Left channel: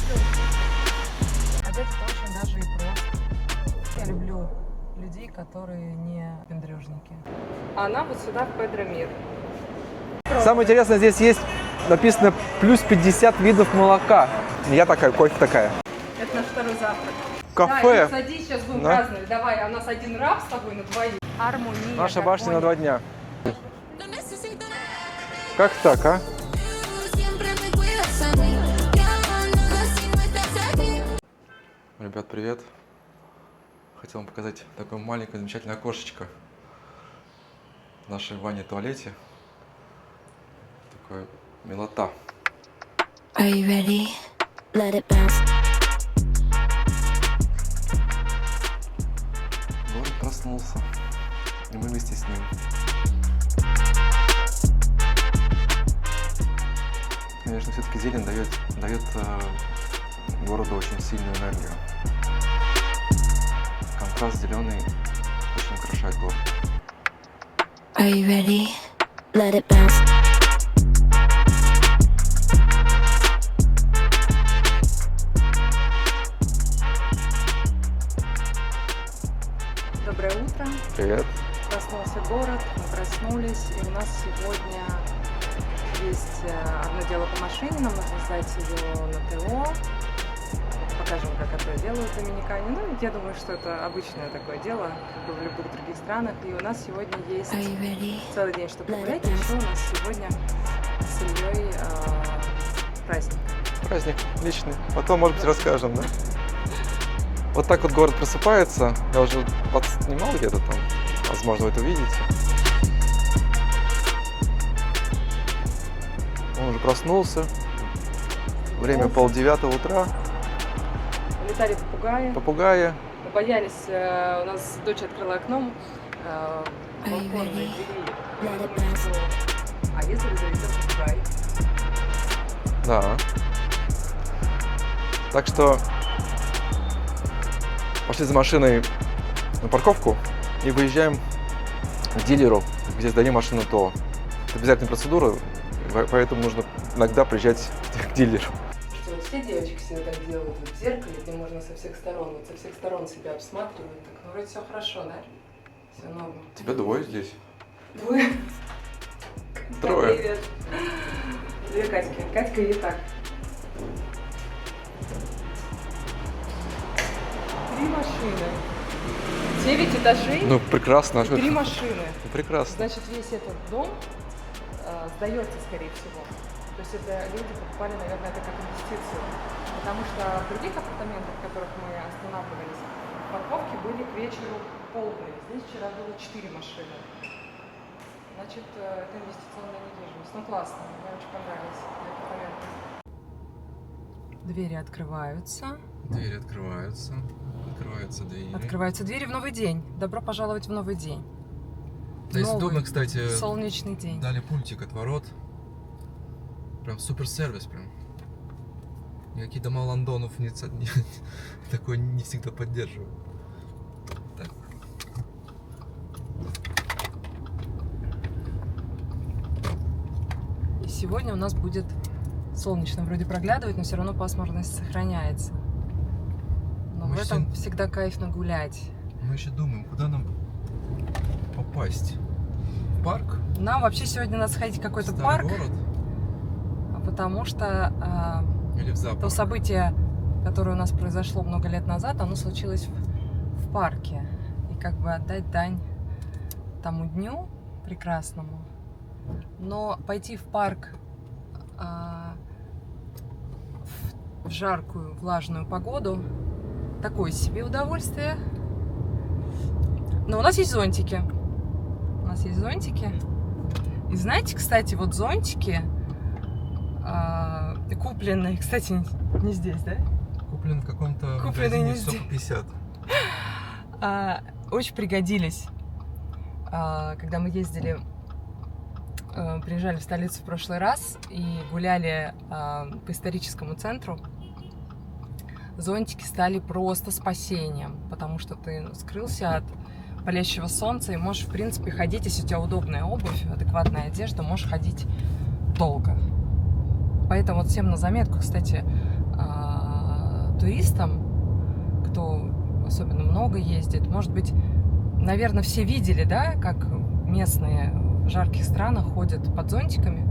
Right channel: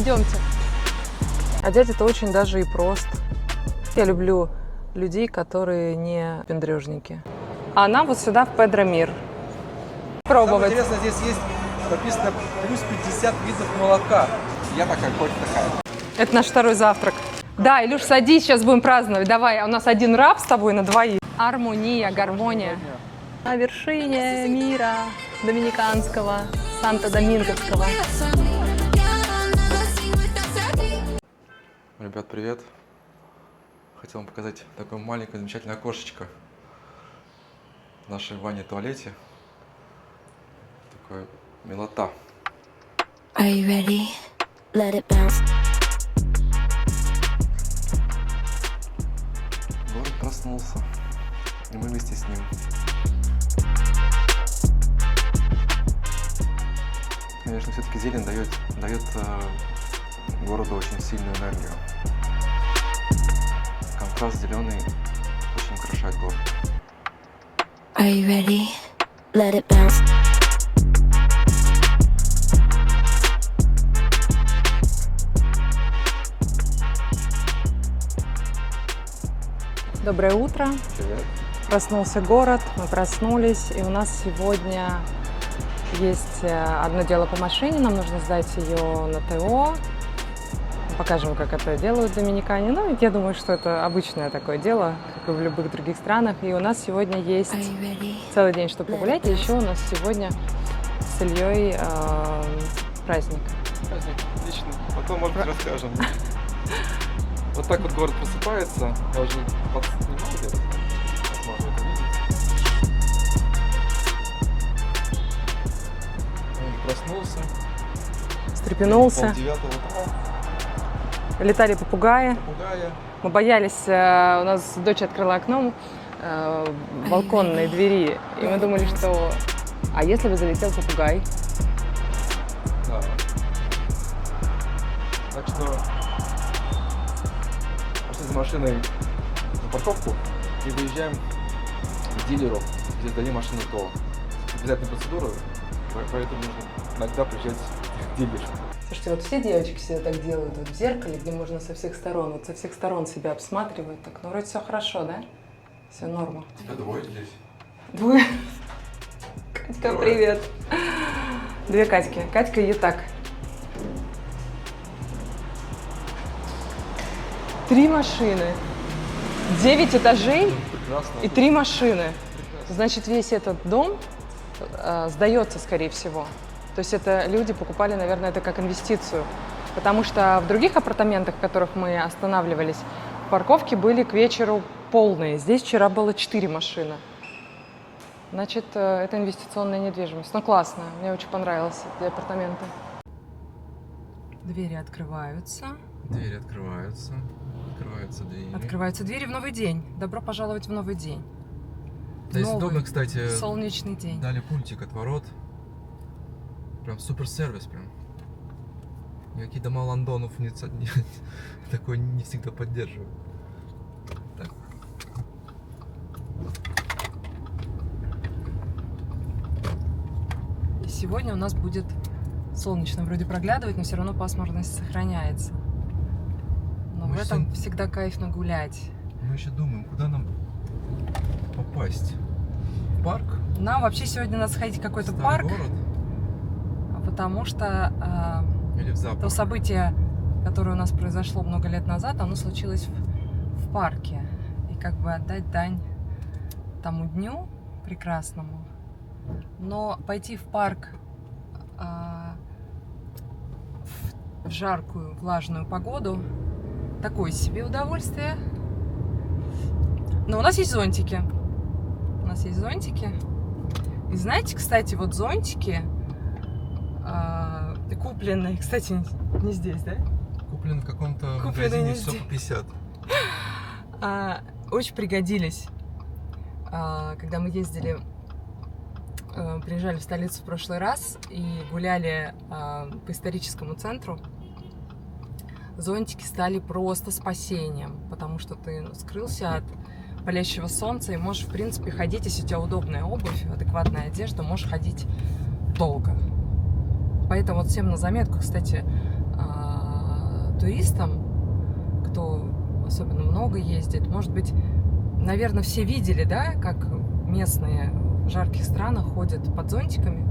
Идемте. Одеть это очень даже и просто. Я люблю людей, которые не пендрежники. А нам вот сюда в Педромир. Самое интересное, здесь есть написано плюс 50 видов молока. Я такая, кофе такая. Это наш второй завтрак. Кафе. Да, Илюш, садись, сейчас будем Да. праздновать. Давай, у нас один раб с тобой на двоих. Армония, Наша башня на 2 гармония. дня. На вершине мира Как так, доминиканского, Санто-Доминговского. Ребят, привет! Хотел вам показать такое маленькое замечательное окошечко в нашей ванне-туалете. Такое милота. Are you ready? Let it bounce. Город проснулся, и мы вместе с ним. Конечно, все-таки зелень дает городу очень сильную энергию. Контраст зеленый очень украшает город. Are you ready? Let it bounce. Доброе утро. Привет. Проснулся город, мы проснулись, и у нас сегодня есть одно дело по машине, нам нужно сдать ее на ТО. Покажем, как это делают доминикане. Ну, я думаю, что это обычное такое дело, как и в любых других странах. И у нас сегодня есть Are you ready? целый день, чтобы погулять. И еще у нас сегодня с Ильей праздник. Праздник личный. Потом, может быть, расскажем. Да? Вот так вот город просыпается. Я уже подснимал где-то там. Возможно, вы это видите. Он уже проснулся. Время Встрепенулся. 8:30 утра. Летали попугаи. Попугаи. Мы боялись, у нас дочь открыла окно, балконные двери, и мы думали, что... А если бы залетел попугай? Да. Так что пошли за машиной на парковку и выезжаем к дилеру, где сдали машину ТО. Это обязательная процедура, поэтому нужно иногда приезжать к дилеру. Слушайте, вот все девочки себе так делают вот в зеркале, где можно со всех сторон, вот со всех сторон себя обсматривают. Так, ну вроде все хорошо, да? Все норма. Тебя двое здесь? Двое. Катька, Трое. привет. Две Катьки. Катька и так. 3 машины. 9 этажей Ну, прекрасно. и 3 машины. Прекрасно. Значит, весь этот дом сдается, скорее всего. То есть это люди покупали, наверное, это как инвестицию. Потому что в других апартаментах, в которых мы останавливались, парковки были к вечеру полные. Здесь вчера было 4 машины. Значит, это инвестиционная недвижимость. Ну, классно. Мне очень понравилось эти апартаменты. Двери открываются. Двери открываются. Открываются двери. Открываются двери в новый день. Добро пожаловать в новый день. Здесь Новый удобно, кстати, солнечный день. дали пультик от ворот. Прям супер сервис прям. Никакие дома Лондонов такой не всегда поддерживают. Так. И сегодня у нас будет солнечно вроде проглядывать, но все равно пасмурность сохраняется. Но Мы в этом всем- всегда кайфно гулять. Мы еще думаем, куда нам попасть. В парк? Нам вообще сегодня надо сходить в какой-то Старый парк, город? потому что Или в то зоопарк? событие, которое у нас произошло много лет назад, оно случилось в парке. И как бы отдать дань тому дню прекрасному. Но пойти в парк в жаркую, влажную погоду — такое себе удовольствие. Но у нас есть зонтики. У нас есть зонтики. И знаете, кстати, вот зонтики купленные, кстати, не здесь, да? Куплен в каком-то Купленный магазине не здесь. Сок 50. Очень пригодились, когда мы ездили, приезжали в столицу в прошлый раз и гуляли по историческому центру. Зонтики стали просто спасением, потому что ты скрылся от палящего солнца и можешь, в принципе, ходить, если у тебя удобная обувь, адекватная одежда, можешь ходить долго. Поэтому вот всем на заметку, кстати, туристам, кто особенно много ездит, может быть, наверное, все видели, да, как местные в жарких странах ходят под зонтиками,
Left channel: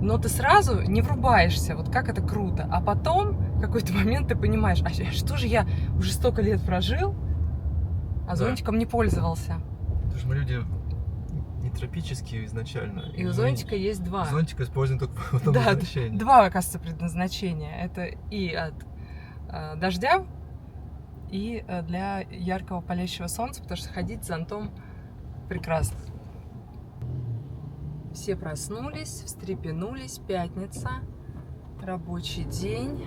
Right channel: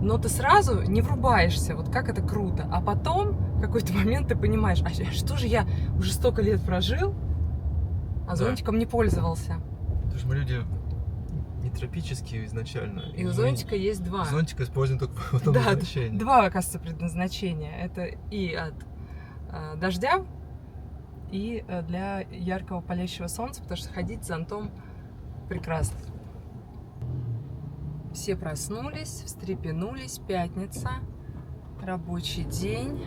но ты сразу не врубаешься, вот как это круто. А потом в какой-то момент ты понимаешь, а что же я уже столько лет прожил, а зонтиком не пользовался. Потому что мы люди не тропические изначально. И у зонтика есть два. Зонтик используем только в этом Да, назначении. два, оказывается, предназначения. Это и от дождя, и для яркого палящего солнца, потому что ходить с зонтом прекрасно. Все проснулись, встрепенулись, пятница, рабочий день.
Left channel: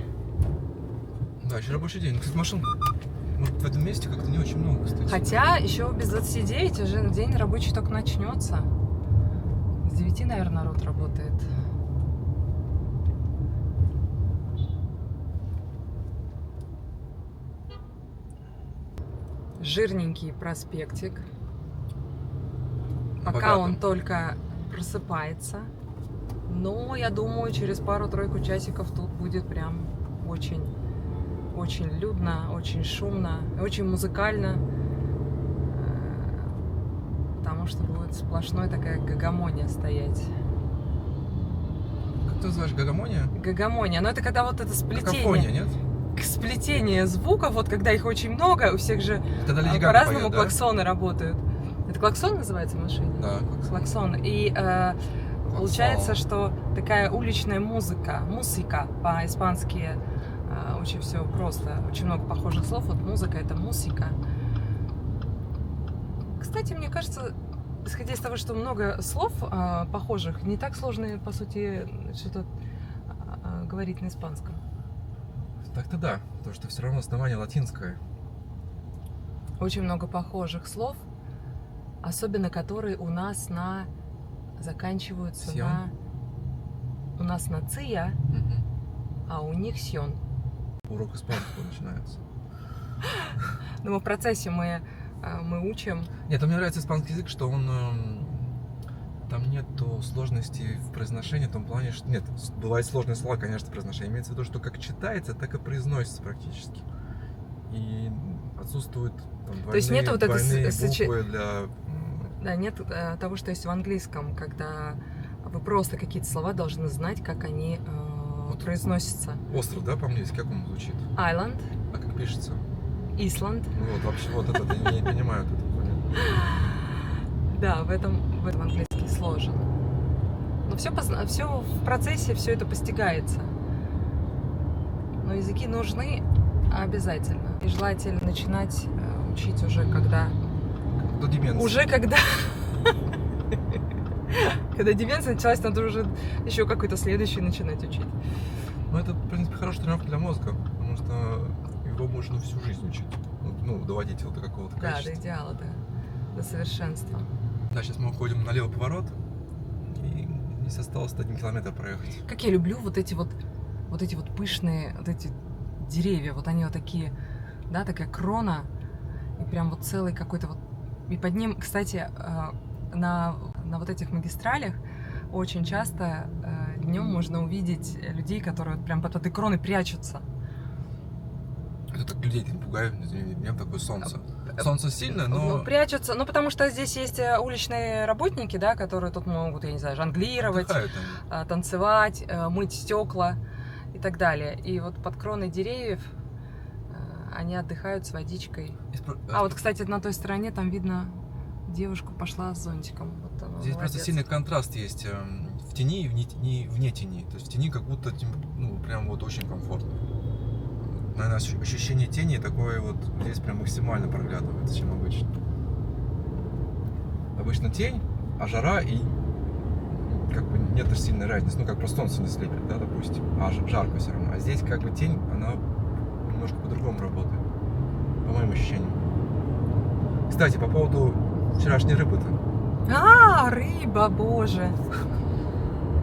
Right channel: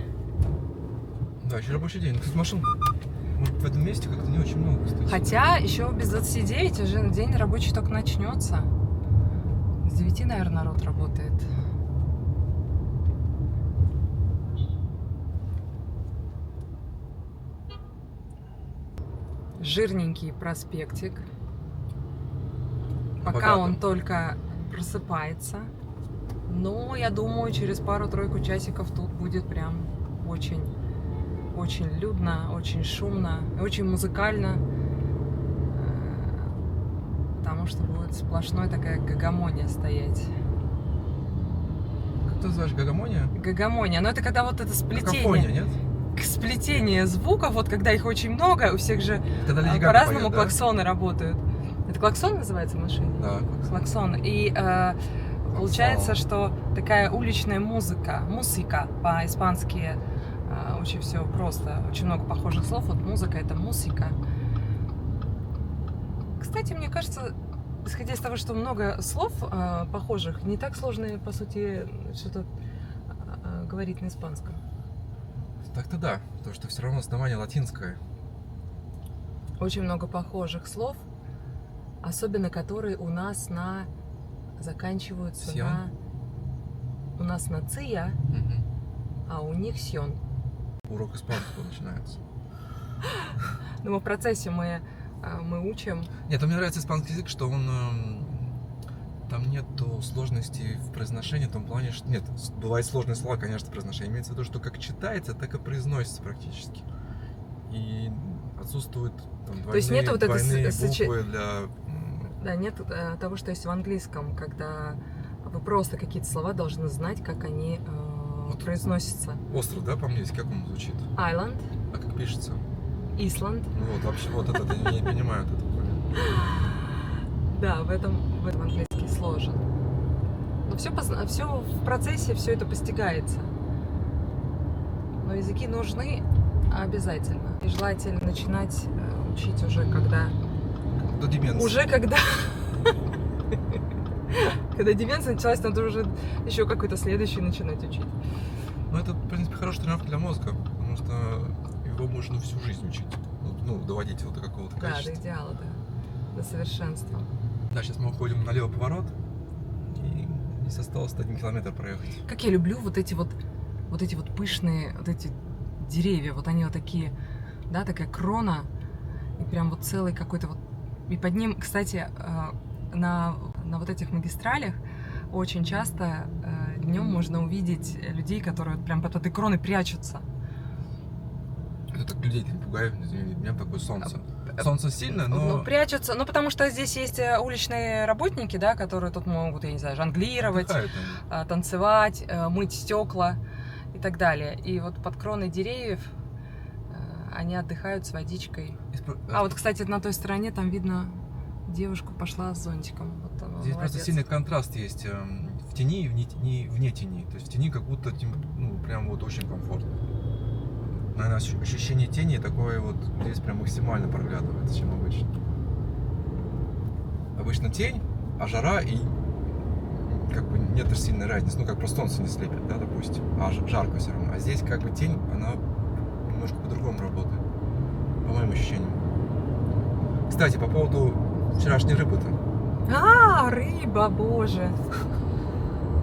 Да, еще рабочий день. Кстати, машин в этом месте как-то не очень много, кстати. Хотя еще без 29 уже день рабочий только начнется. С 9, наверное, народ работает. Жирненький проспектик. Пока Богато. он только просыпается. Но я думаю, через пару-тройку часиков тут будет прям очень, очень людно, очень шумно, очень музыкально. Потому что будет сплошной такая гагамония стоять. Как ты называешь, гагамония? Гагамония. Но это когда вот это Какофония, сплетение. нет? Сплетение звуков, вот когда их очень много, у всех же Когда Леди Гага по-разному поет, да? клаксоны работают. Это клаксон называется в машине? Да. Клаксон. И получается, что такая уличная музыка по-испански очень все просто. Очень много похожих слов. Вот музыка — это мусика. Кстати, мне кажется, исходя из того, что много слов похожих, не так сложно, по сути, что-то говорить на испанском. Так-то да, потому что все равно основание латинское. Очень много похожих слов, особенно которые у нас заканчиваются Сьон? у нас на ция, а у них сьон. Урок испанского начинается. Но мы в процессе мы учим. Нет, мне нравится испанский язык, что он там нету сложности в произношении, в том плане, что нет, бывают сложные слова, конечно, в произношении. Имеется в виду, что как читается, так и произносится практически. И отсутствуют там, То есть нету вот этой двойные буквы для... Да, нет того, что есть в английском, когда вы просто какие-то слова должны знать, как они произносятся. Остров, да, по-английски, как он звучит? Island, А как пишется? Исланд. Ну вот, вообще, вот это я не понимаю. Да, в этом английский сложен. Но все в процессе, все это постигается. Но языки нужны обязательно. И желательно начинать учить уже когда... До деменции. Уже когда... Когда деменция началась, надо уже еще какой-то следующий начинать учить. Ну, это, в принципе, хорошая тренировка для мозга, потому что его можно всю жизнь учить. Ну, доводить его до какого-то Да, качества. до идеала, да. До совершенства. Да, сейчас мы уходим на левый поворот, и здесь осталось 1 километр проехать. Как я люблю вот эти вот пышные, вот эти деревья, вот они вот такие, да, такая крона, и прям вот целый какой-то вот... И под ним, кстати, на вот этих магистралях очень часто днем можно увидеть людей, которые вот прям под этой кроной прячутся. Это так людей не пугает, днем такое солнце. Солнце сильно, но... Ну, прячутся, ну, потому что здесь есть уличные работники, да, которые тут могут, я не знаю, жонглировать, отдыхают они. танцевать, мыть стекла и так далее. И вот под кроной деревьев они отдыхают с водичкой. А вот, кстати, на той стороне там видно, девушка пошла с зонтиком. Вот она, Здесь молодец. просто сильный контраст есть в тени и вне тени. То есть в тени как будто, ну, прям вот очень комфортно. Наверное, ощущение тени такое вот здесь прям максимально проглядывается, чем обычно. Обычно тень, а жара и как бы нет сильной разницы. Ну, как просто солнце не слепит, да, допустим. А жарко все равно. А здесь как бы тень, она немножко по-другому работает. По моим ощущениям. Кстати, по поводу вчерашней рыбы-то. А, рыба, боже!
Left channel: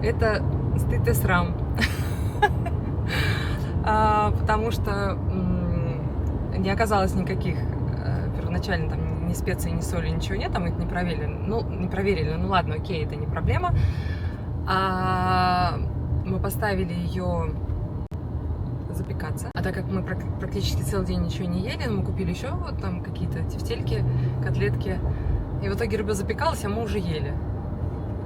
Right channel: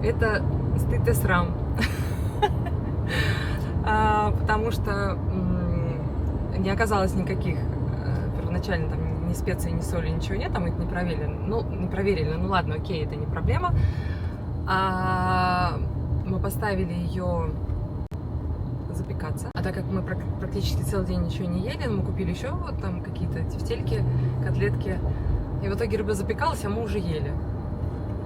Это стыд и срам. Потому что не оказалось никаких первоначально там ни специй, ни соли, ничего нет, там их не проверили. Ну ладно, окей, это не проблема. Мы поставили ее запекаться. А так как мы практически целый день ничего не ели, мы купили еще вот там какие-то тефтельки, котлетки. И в итоге рыба запекалась, а мы уже ели.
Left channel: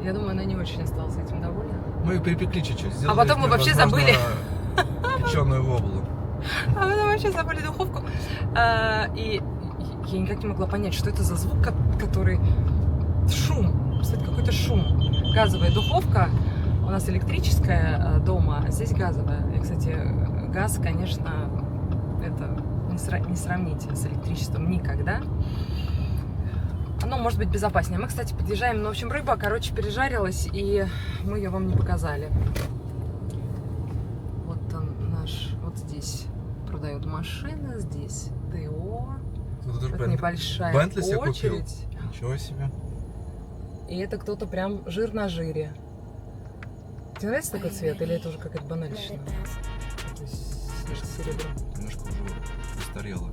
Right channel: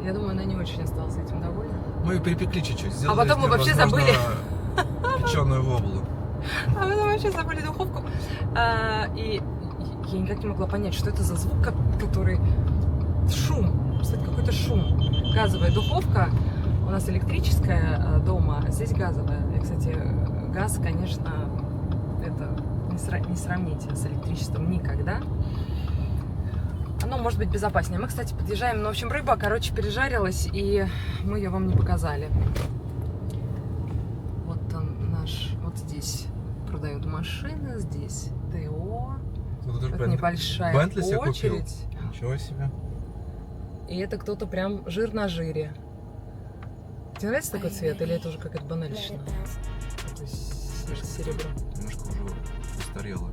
Я думаю, она не очень осталась этим довольна. Мы ее перепекли чуть-чуть. Сделали потом из мы неё, вообще возможно, забыли. Печеную воблу. А потом вообще забыли духовку. И я никак не могла понять, что это за звук, который... Шум. Кстати, какой-то шум. Газовая духовка. У нас электрическая дома, а здесь газовая. И, кстати, газ, конечно, это не сравните с электричеством никогда. Оно может быть безопаснее. Мы, кстати, подъезжаем, ну, в общем, рыба, короче, пережарилась, и мы ее вам не показали. Вот он наш, вот здесь продают машины, здесь ТО. Это небольшая Бентли себе купил. очередь. Ничего себе. И это кто-то прям жир на жире. Тебе нравится такой цвет, или это уже какая-то банальщина? Такой серебро. Немножко уже устарело.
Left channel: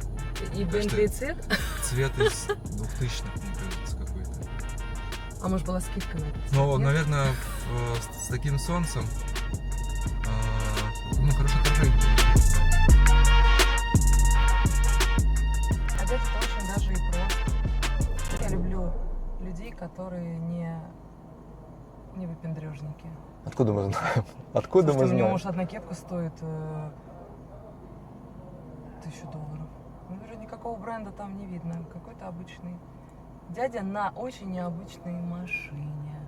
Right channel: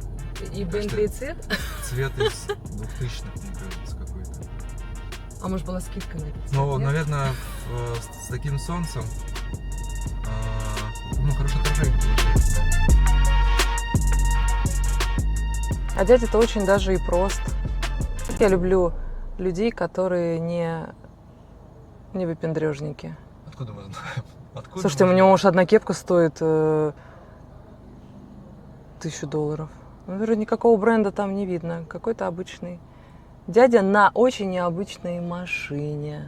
И Бентли и цвет? Цвет из 2000-х, мне кажется, какой-то. А может была скидка на это? Ну, наверное, с таким солнцем, ну, хорошо отражение. А дядя-то очень даже и прост. Я люблю людей, которые не выпендрежники. Откуда мы знаем? Откуда Слушайте, мы у него знаем? уж одна кепка стоит $1000. Ну, вроде никакого бренда там не видно. Какой-то обычный дядя на очень необычной машине.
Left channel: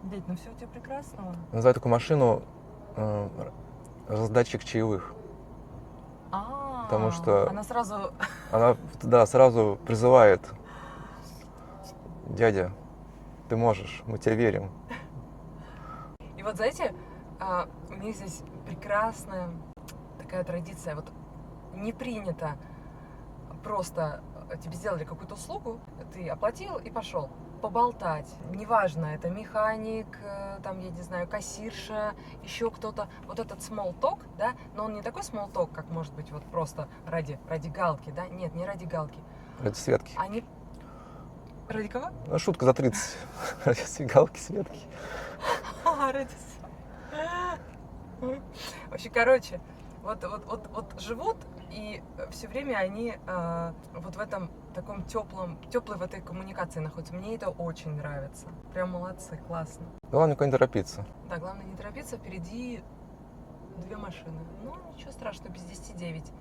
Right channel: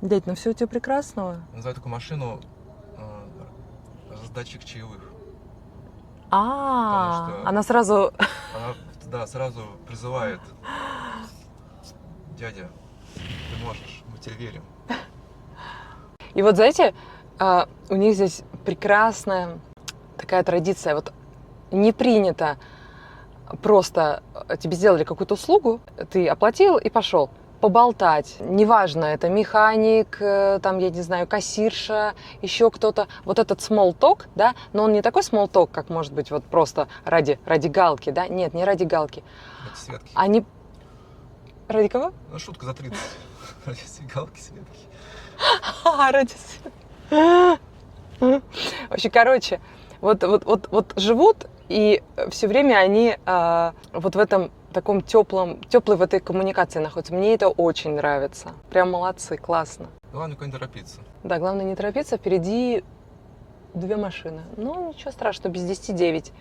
Дядь, ну все у тебя прекрасного. Называю такую машину раздатчик чаевых. Потому что- Она сразу... Она, да, сразу призывает: дядя, ты можешь, мы тебе верим. И вот, знаете, у них здесь прекрасная такая традиция. Вот не принято просто тебе сделали какую-то услугу, ты оплатил и пошел. Поболтать. Неважно, это механик, там, я не знаю, кассирша, еще кто-то. Вот этот small talk, да, но он не такой small talk, как может быть вот просто ради галки, да. Нет, не ради галки. Ради Светки. Они... Ради кого? Ну, шутка за 30. Ради галки Светки. Ради... Вообще, короче, вот живут, и все время они вот в этом таком теплой в этой коммуникации находятся. Мне это очень нравится. Прям молодцы, классно. Главное, никуда не торопиться. Да, главное не торопиться, впереди 2 машины. Ну, ничего страшного, без 10 9.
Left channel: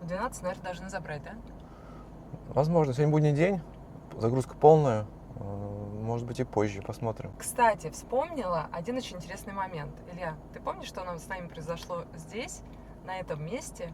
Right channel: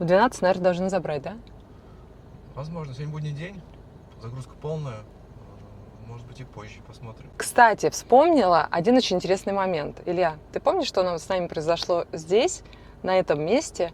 В 12, наверное, должны забрать, да? Возможно, сегодня будний день, загрузка полная. Может быть, и позже, посмотрим. Кстати, вспомнила один очень интересный момент. Илья, ты помнишь, что с нами произошло здесь, на этом месте,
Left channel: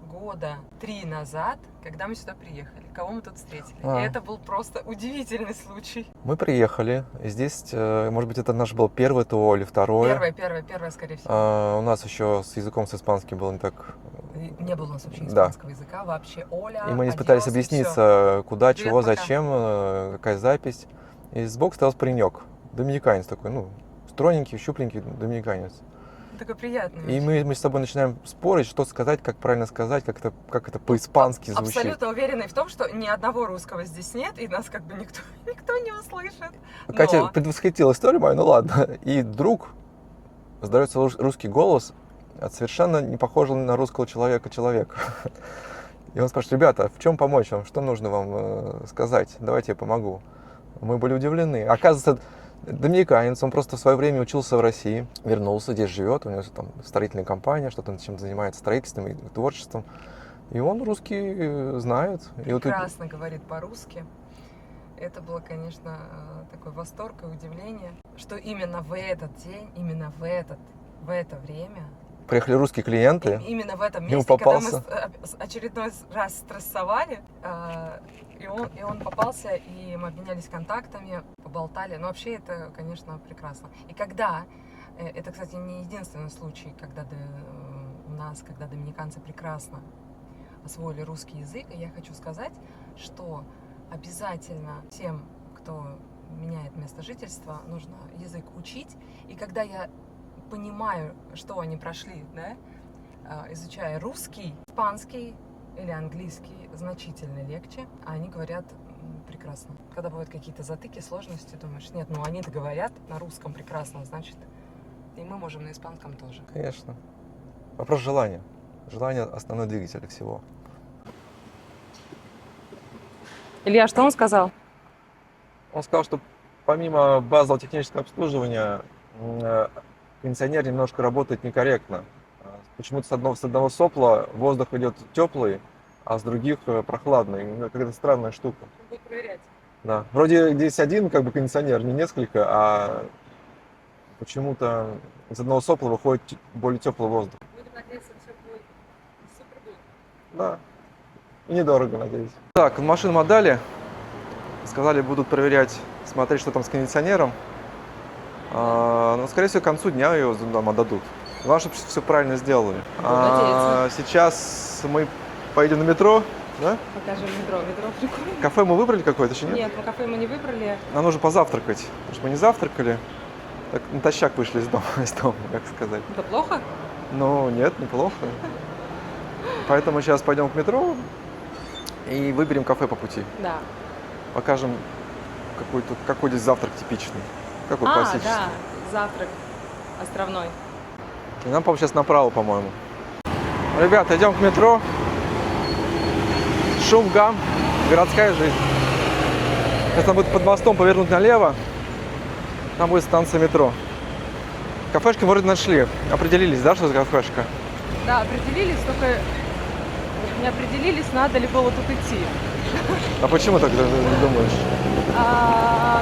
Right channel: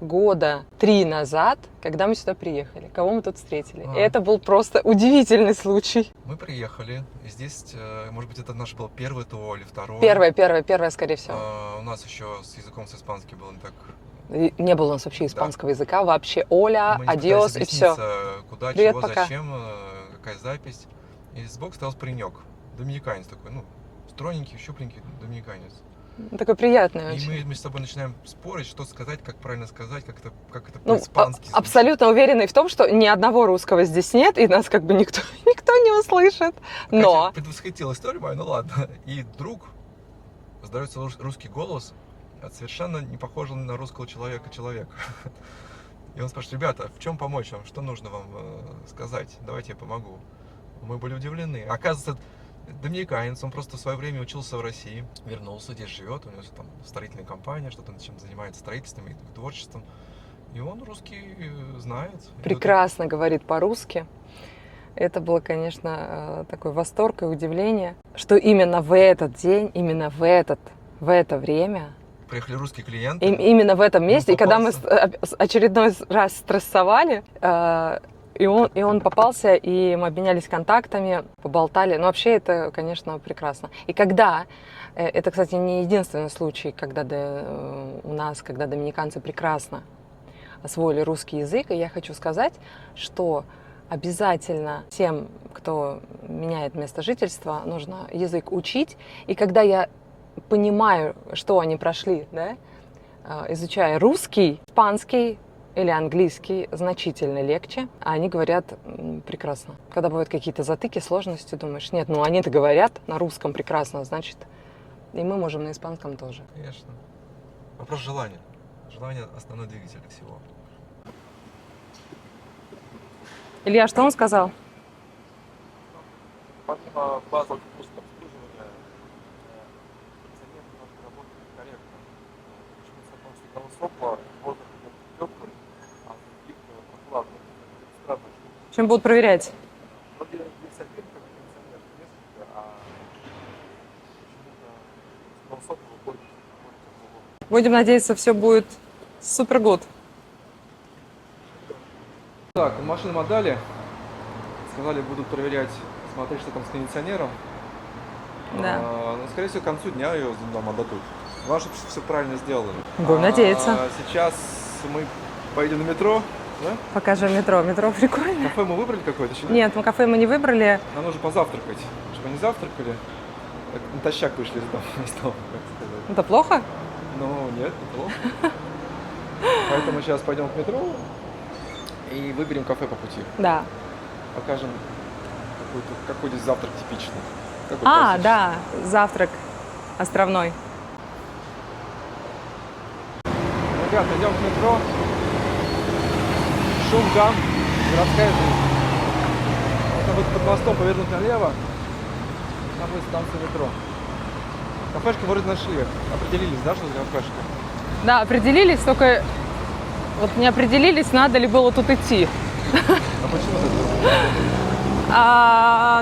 года 3 назад, когда мы сюда приехали? Кого мы тут встретили? И это был просто удивительный случай. Мы приехали, и здесь, может быть, это наш был первый ТО или второй. Первое, скорее всего. У нас еще с языком, с испанским было не так. И не было у нас вообще испанского языка, вообще Оля, И мы не пытались адиос, и все. объясниться, куда, Привет, чего, пока. зачем, какая запись. И сбоку стоял паренек, доминиканец такой, ну, стройненький, щупленький доминиканец. Такой приятный И очень. мы с тобой начинаем спорить, что сказать, как правильно сказать, как это по-испански звучит. Абсолютно уверенный в том, что ни одного русского здесь нет, и нас как бы никто не услышит. Катя Но предвосхитила историю мою, ну ладно. И вдруг раздается русский голос, совершенно не похожий на русского человека. И он спрашивает: ребята, в чем помочь вам? Что нужно вам сказать? Давайте я помогу. Мы были удивлены. Оказывается, доминиканец, он просто в свое время учился в России, вернулся, здесь живет, у него там строительная компания, что-то чем занимается строительством и творчеством. И он русский знает. прекрасно говорит по-русски. Это было, конечно, такой восторг и удивление, что именно в этот день, именно в это время, Приехали русские клиенты. именно в этом месте, и когда мы попался. очередной раз стрессовали, и он попался, и мы обменялись контактами, поболтали. Ну, вообще, это, конечно, прекрасно. И когда, это, кстати, не единственный случай, когда у нас, когда доминиканцы прекрасно освоили русский язык, и я хочу сказать, что обязательно тем, кто меняет место жительства, нужно язык учить. И когда я понимаю, что они прошли, да, изучая русский, испанский или английский, значительно легче, а они говорят прекрасно. Когда бывают какие-то затыки, сложности, думаешь, нет, ну они-то говорят на русском прекрасно, значит, и мы можем на испанском тоже. Конечно. Вопрос желания. Желание – основной двигатель всего. Илья, что он сказал? Он сказал, что помимо базового технического обслуживания, кондиционер немножко работает некорректно. Почему-то с одного сопла воздух идет теплый, а с других прохладный. Какая-то странная штука. Чем будут проверять? Да. Вроде здесь один кондиционер, не несколько, а почему-то из одного сопла выходит более теплый воздух. Будем надеяться, все будет супер гуд. Да. И недорого, надеюсь. Так, машину отдали. Сказали, будут проверять, смотреть, что там с кондиционером. Да. Но, скорее всего, к концу дня ее нам отдадут. Главное, чтобы все правильно сделали. Будем надеяться. Сейчас мы поедем на метро. Да? Покажем метро. Метро прикольно. Кафе мы выбрали какое-то еще? Нет, кафе мы не выбрали. Нам нужно позавтракать. Чтобы мы не завтракали, так натощак вышли из дома, как сказать. Это плохо? Ну, нет, неплохо. Поэтому сейчас пойдем к метро и выберем кафе по пути. Да. Покажем какой здесь завтрак типичный. Какой классический. Да, завтрак островной. И нам, по-моему, сейчас направо, по-моему. Ребята, идем к метро. Шум, гам, городская жизнь. Сейчас нам будет под мостом повернуть налево. Там будет станция метро. Кафешки мы вроде нашли. Определились, да, что за кафешка? Да, определились, только вот не определились, надо ли было тут идти. А почему так думаешь?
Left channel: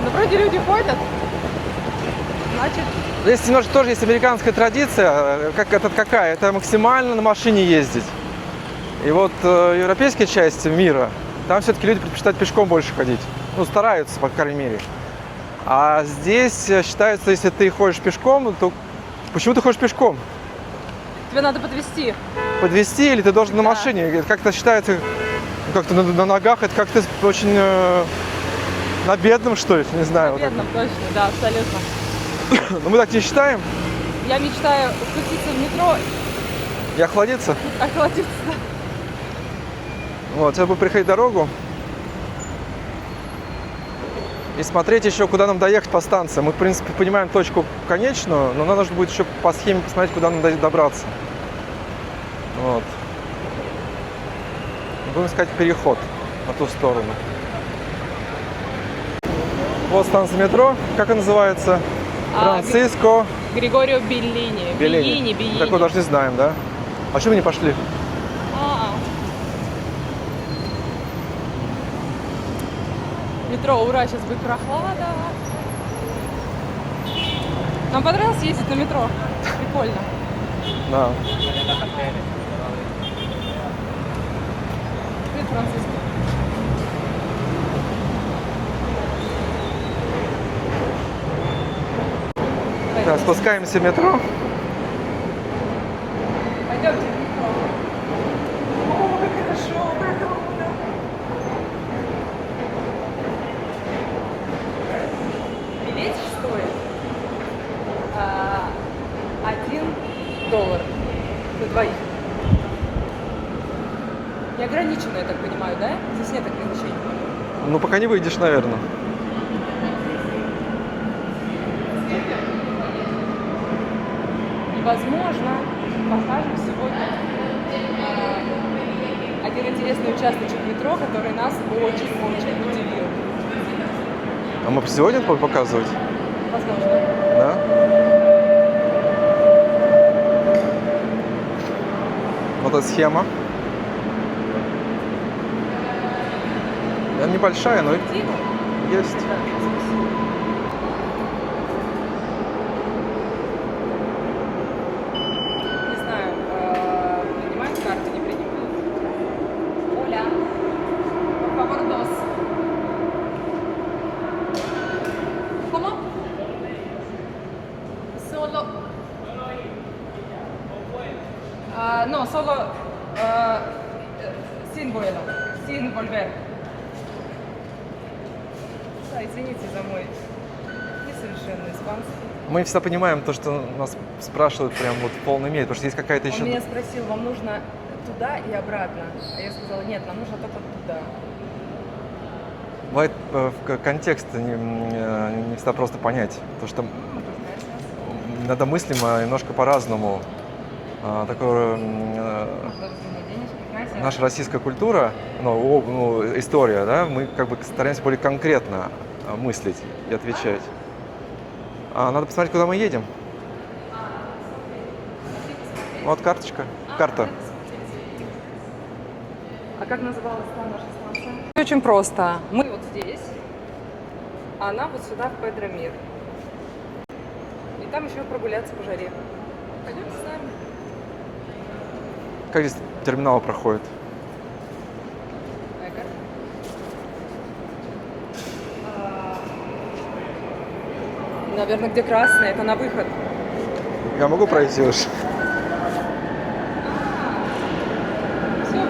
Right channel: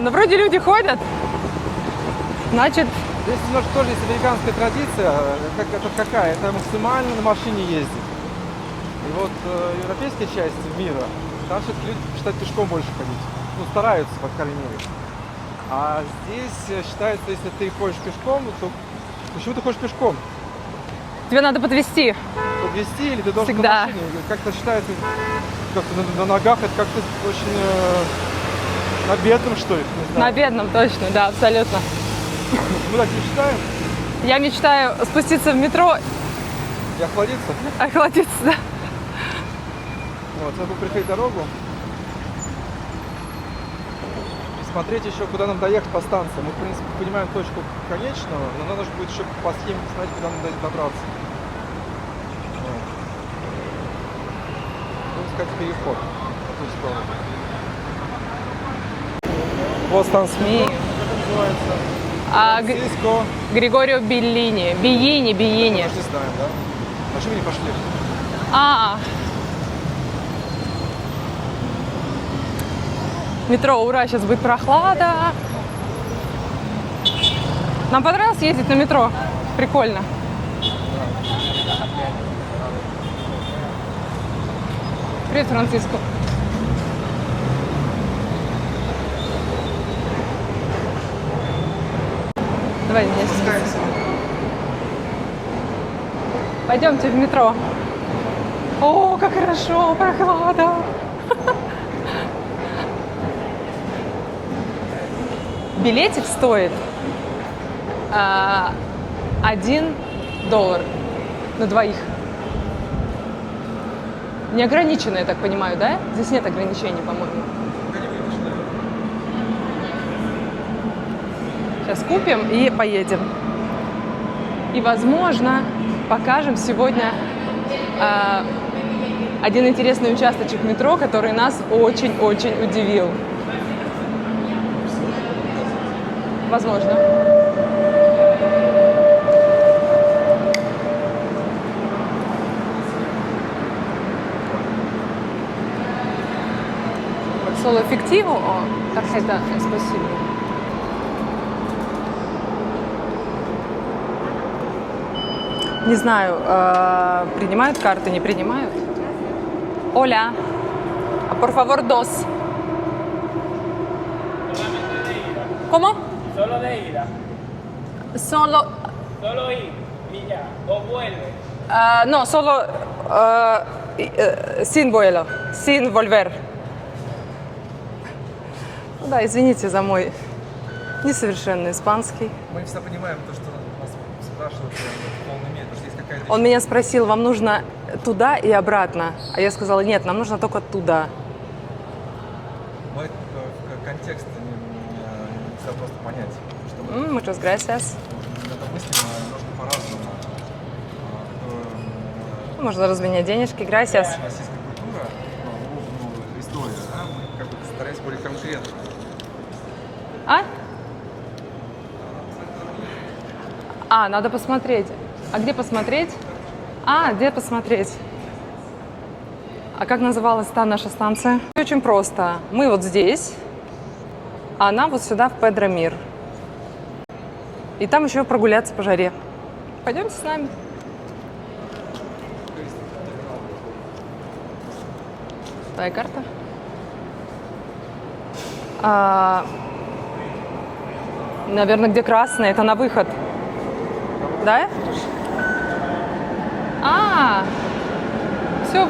Ну, вроде люди ходят. Значит, Здесь немножко тоже есть американская традиция. Какая? Это максимально на машине ездить. И вот европейская часть мира, там все-таки люди предпочитают пешком больше ходить. Ну, стараются, по крайней мере. А здесь считается, если ты ходишь пешком, то почему ты ходишь пешком? тебе надо подвезти. Подвезти или ты должен Всегда. на машине? Как-то считается, как-то на ногах, это как-то очень на бедном, что ли, не знаю. На бедном, точно, да, абсолютно. Но мы так не считаем. Я мечтаю спуститься в метро, И охладиться. охладиться, да. Вот, сейчас будем приходить дорогу. И смотреть еще, куда нам доехать по станции. Мы, в принципе, понимаем точку конечную, но надо же будет еще по схеме посмотреть, куда нам добраться. Вот. Будем искать переход на ту сторону. Вот станция метро, как она называется? Франциско. Григорио Беллини. Так мы Биини. даже не знаем, да? А чего мы не пошли? Метро, ура, сейчас будет прохлада. Нам понравилось ездить на метро. Прикольно. Да. Привет, Франциско. Давай, Да, здесь. спускаемся в метро. Пойдемте в метро. О, как хорошо, прохлада. Билетик стоит $1 на двоих. Неограниченно, я так понимаю, да? Здесь нет ограничений, по-моему. Ну, пока не выйдешь, наверное. Сейчас купим и поедем. И, возможно, покажем сегодня один интересный участочек метро, который нас очень-очень удивил. А мы сегодня будем показывать? Возможно. Да? Вот эта схема. Она небольшая, но Эффективу? О, Есть. это, спасибо. Не знаю, принимают карты, не принимают? Оля, por favor, dos. ¿Cómo? Solo de ida. Solo, Solo ir. Y ya. O vuelve. no, solo sin vuelo, sin volver. Да, извините за мой несовершенный испанский. мы всегда понимаем то, что нас спрашивают прям вот в полной мере, потому что есть какая-то еще... Он меня спросил, вам нужно туда и обратно? А я сказала, нет, нам нужно только туда. Бывает контекст не всегда просто понять, потому что Muchas gracias. иногда мыслим немножко по-разному. такое, Можно разменять денежки, gracias. наша российская культура, история, да, мы как бы стараемся более конкретно мыслить и отвечать. Надо посмотреть, куда мы едем. Надо посмотреть. А где посмотреть? Вот карточка. Карта. Где посмотреть? А как называлась та наша станция? Очень просто. Мы вот здесь, а она вот сюда, в Педромир. И там еще прогуляться по жаре. Пойдемте с нами. Как здесь терминалы проходят? Твоя карта? Наверное, где красная, это на выход. Я могу Да? пройти уж?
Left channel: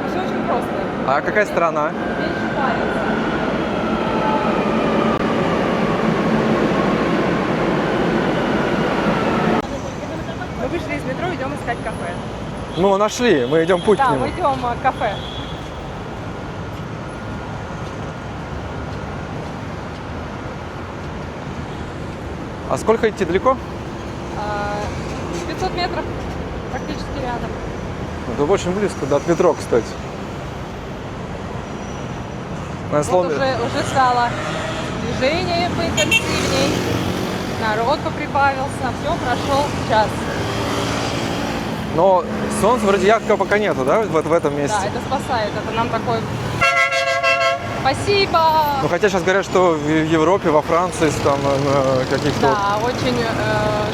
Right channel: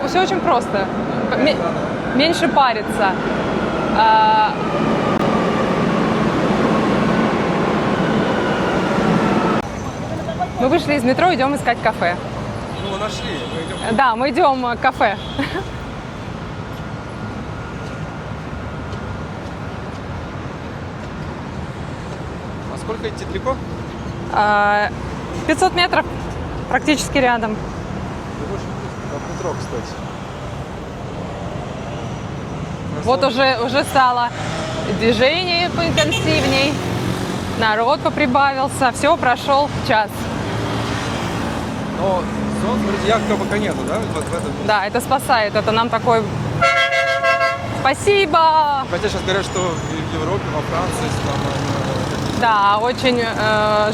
Все очень просто. А какая страна? Меньше париться. Мы вышли из метро, идем искать кафе. Ну, нашли, мы идем путь к Да, нему. мы идем к кафе. А сколько идти далеко? 500 метров, практически рядом. Это очень близко, до метро, кстати. Вот уже стало движение поинтенсивней, народ поприбавился, все, прошел час. Но солнца вроде яркого пока нету, да, в этом месте? Да, это спасает, это нам такой... Спасибо! Ну, хотя сейчас говорят, что в Европе, во Франции, там каких-то... Да, очень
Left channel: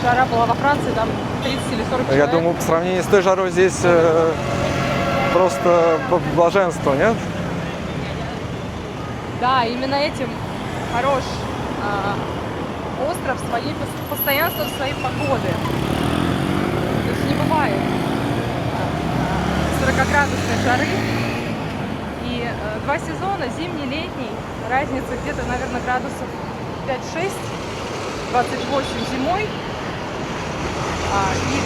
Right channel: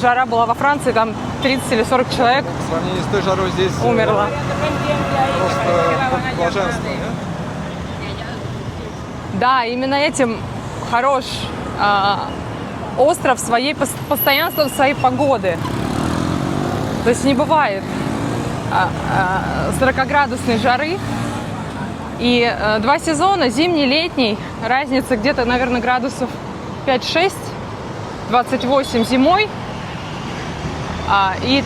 жара была во Франции, там 30 или 40 Я человек. думаю, по сравнению с той жарой здесь Умерла. просто блаженство, нет? Да, именно этим хорош остров постоянства своей погоды. То есть не бывает 40-градусной жары. И 2 сезона, зимний, летний, разница где-то, наверное, градусов 5-6, 28 зимой и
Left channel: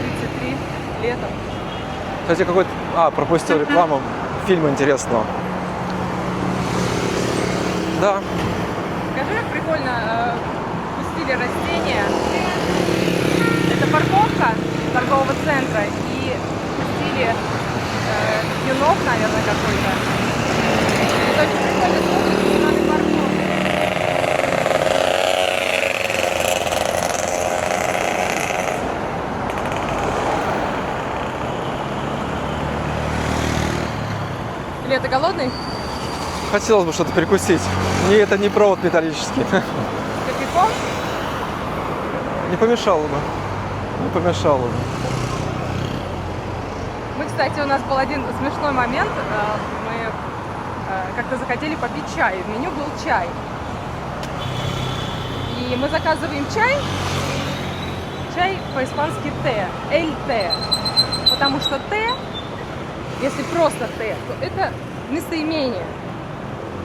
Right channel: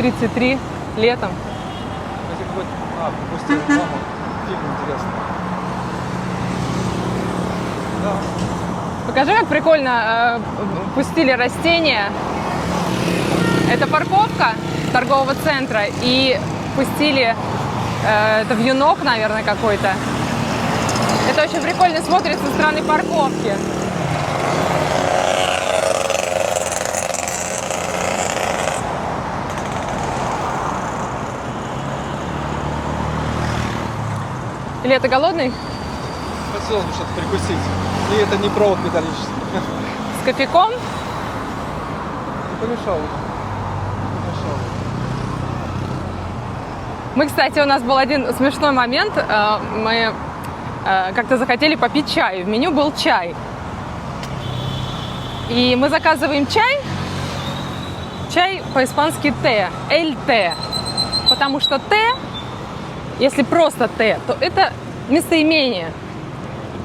32-33 летом. Кстати, какой-то... пропустил рекламу фильма интересного. Да. Покажи, как прикольно пустили растения. Это парковка торгового центра, и пустили, это вьюнок, наверное, какой-то. Это очень прикольно смотрится со стороны парковки. Или это голодный? Хотелось бы что-то перекусить. И это не провод металлический. С кофейком? Не помешало бы. Не помешало бы. Мы, кстати, у нас был один смешной момент. Мы как-то захотели попить чай. В меню был чай. И мы заказываем чай. Чай по-испански «те», «эль-те». Потому что «те», если просто «те», то это местоимение.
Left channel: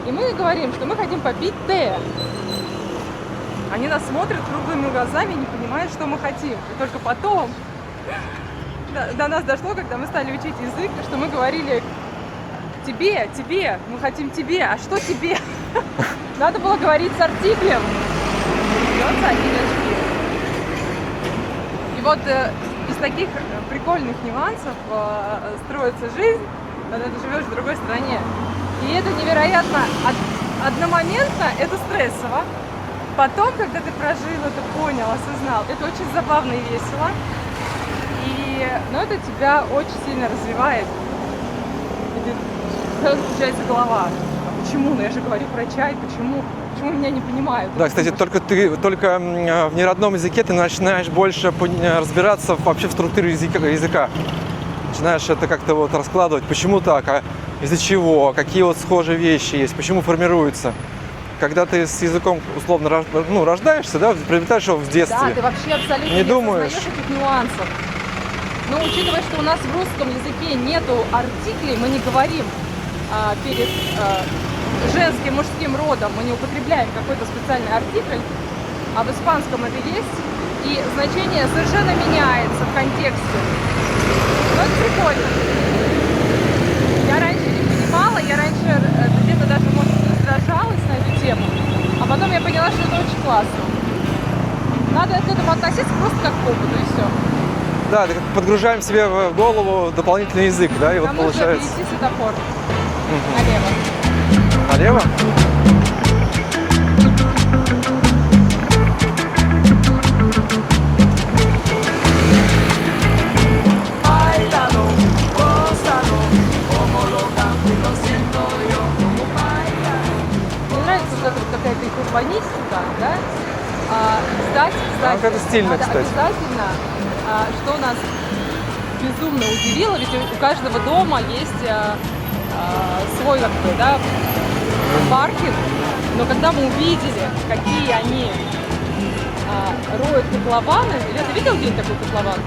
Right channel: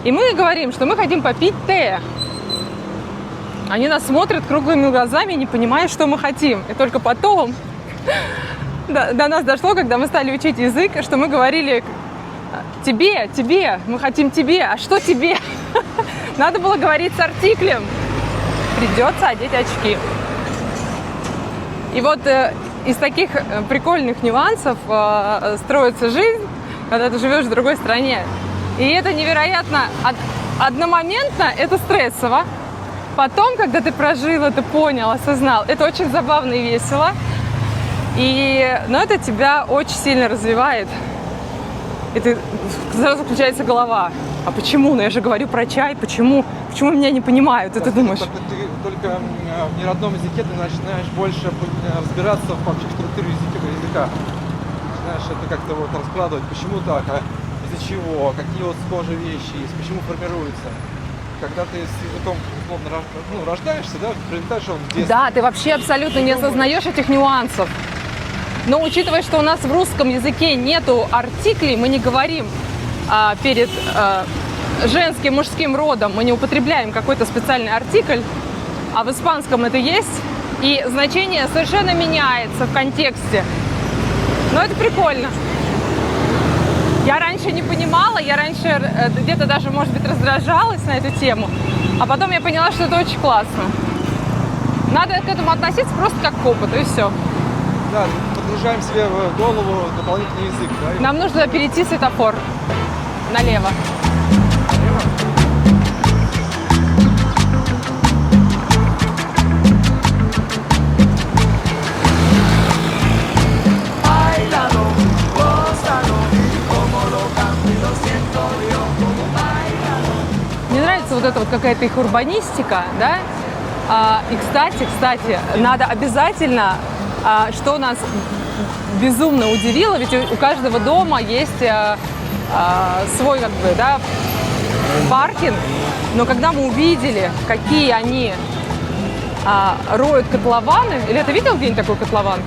И мы говорим, что мы хотим попить «те». Они нас смотрят круглыми глазами, не понимая, что мы хотим. И только потом до нас дошло, когда мы стали учить язык, что мы говорили «тебе, тебе, мы хотим тебе». А что тебе? Надо было говорить с артиклем. Придется одеть очки. И вот из таких прикольных нюансов строится жизнь, когда ты живешь в другой стране. И это невероятно одномоментно, это стрессово. Потом, когда ты прожил это, понял, осознал, это очень забавно и весело. Но это тебя очень сильно развивает. И сразу включается голова. А почему? Ну я же говорю про чай. Почему? Почему меня не понимают? Да, ты кстати, думаешь... только в неродном языке ты начинаешь больше разбираться вообще в структуре языка. Начинаешь это как-то вот раскладывать, почему так, из-за чего, какие вот схожие вещи есть, почему формируются. Когда ты с языком условно рождаешься, да, приобретаешь его в детстве. Да, ты вообще абсолютно не осознаешь этих нюансов. Но учитывая, что у нас в русском языке нету артиклей, мы не говорим перед женским, мужским родом, мы не употребляем какой-то специальный артикль, а в испанском это есть, и значение совершенно меняется в контексте. Но это прикольно. Я раньше не понимала, я раньше где-то даже, может быть, раздражалась на эту тему, а потом я поняла, что это очень классно. Надо к этому относиться просто как к опыту, и все. Да, подгружаем себе в голову дополнительный язык, да? И Нам вот нужно получается- перейти светофор налево. Налево? Мне нравится вот эта вот какая-то их урбанистика, да? И кстати, это стильно, надо кстати. обязательно, что нас безумно удивило, ведь у каждого дома есть свой как бы, да, паркинг, но когда мы увидели, какие они роют котлованы, или ты видел где-нибудь такой котлован?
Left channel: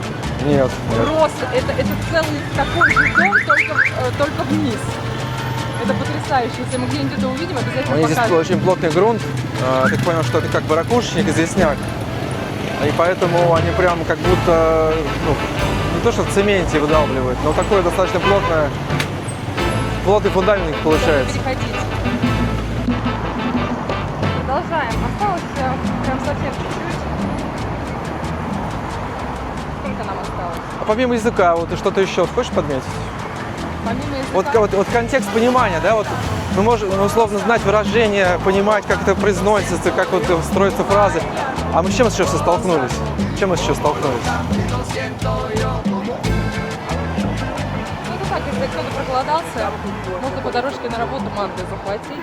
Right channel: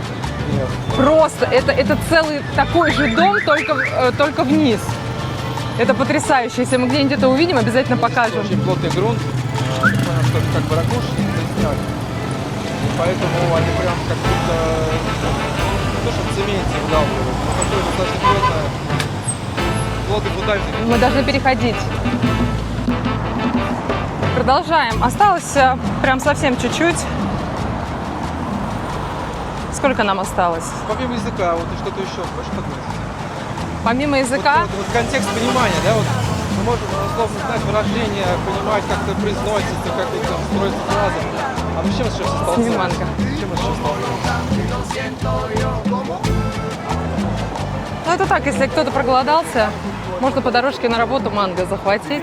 Нет. Просто это целый такой же дом, только вниз. Это потрясающе. Если мы где-нибудь это увидим, обязательно Здесь покажем. очень плотный грунт. Я понял, что это как бы ракушечник, известняк. И поэтому они прям как будто, ну, не то что в цементе выдавливают, но такое достаточно плотный фундамент Мы должны получается. переходить. Продолжаем. Осталось прям совсем чуть-чуть. Сколько нам осталось? А помимо языка, вот ты что-то еще хочешь подметить? Помимо Вот, языка, вот контекст понимания, да, вот мы можем условно знать выражение, понимать, как это произносится, как вот строятся фразы. А мы с чем сейчас столкнулись? С чем мы сейчас столкнулись? ну это так, если кто-то проголодался, можно по дорожке на работу манго захватить.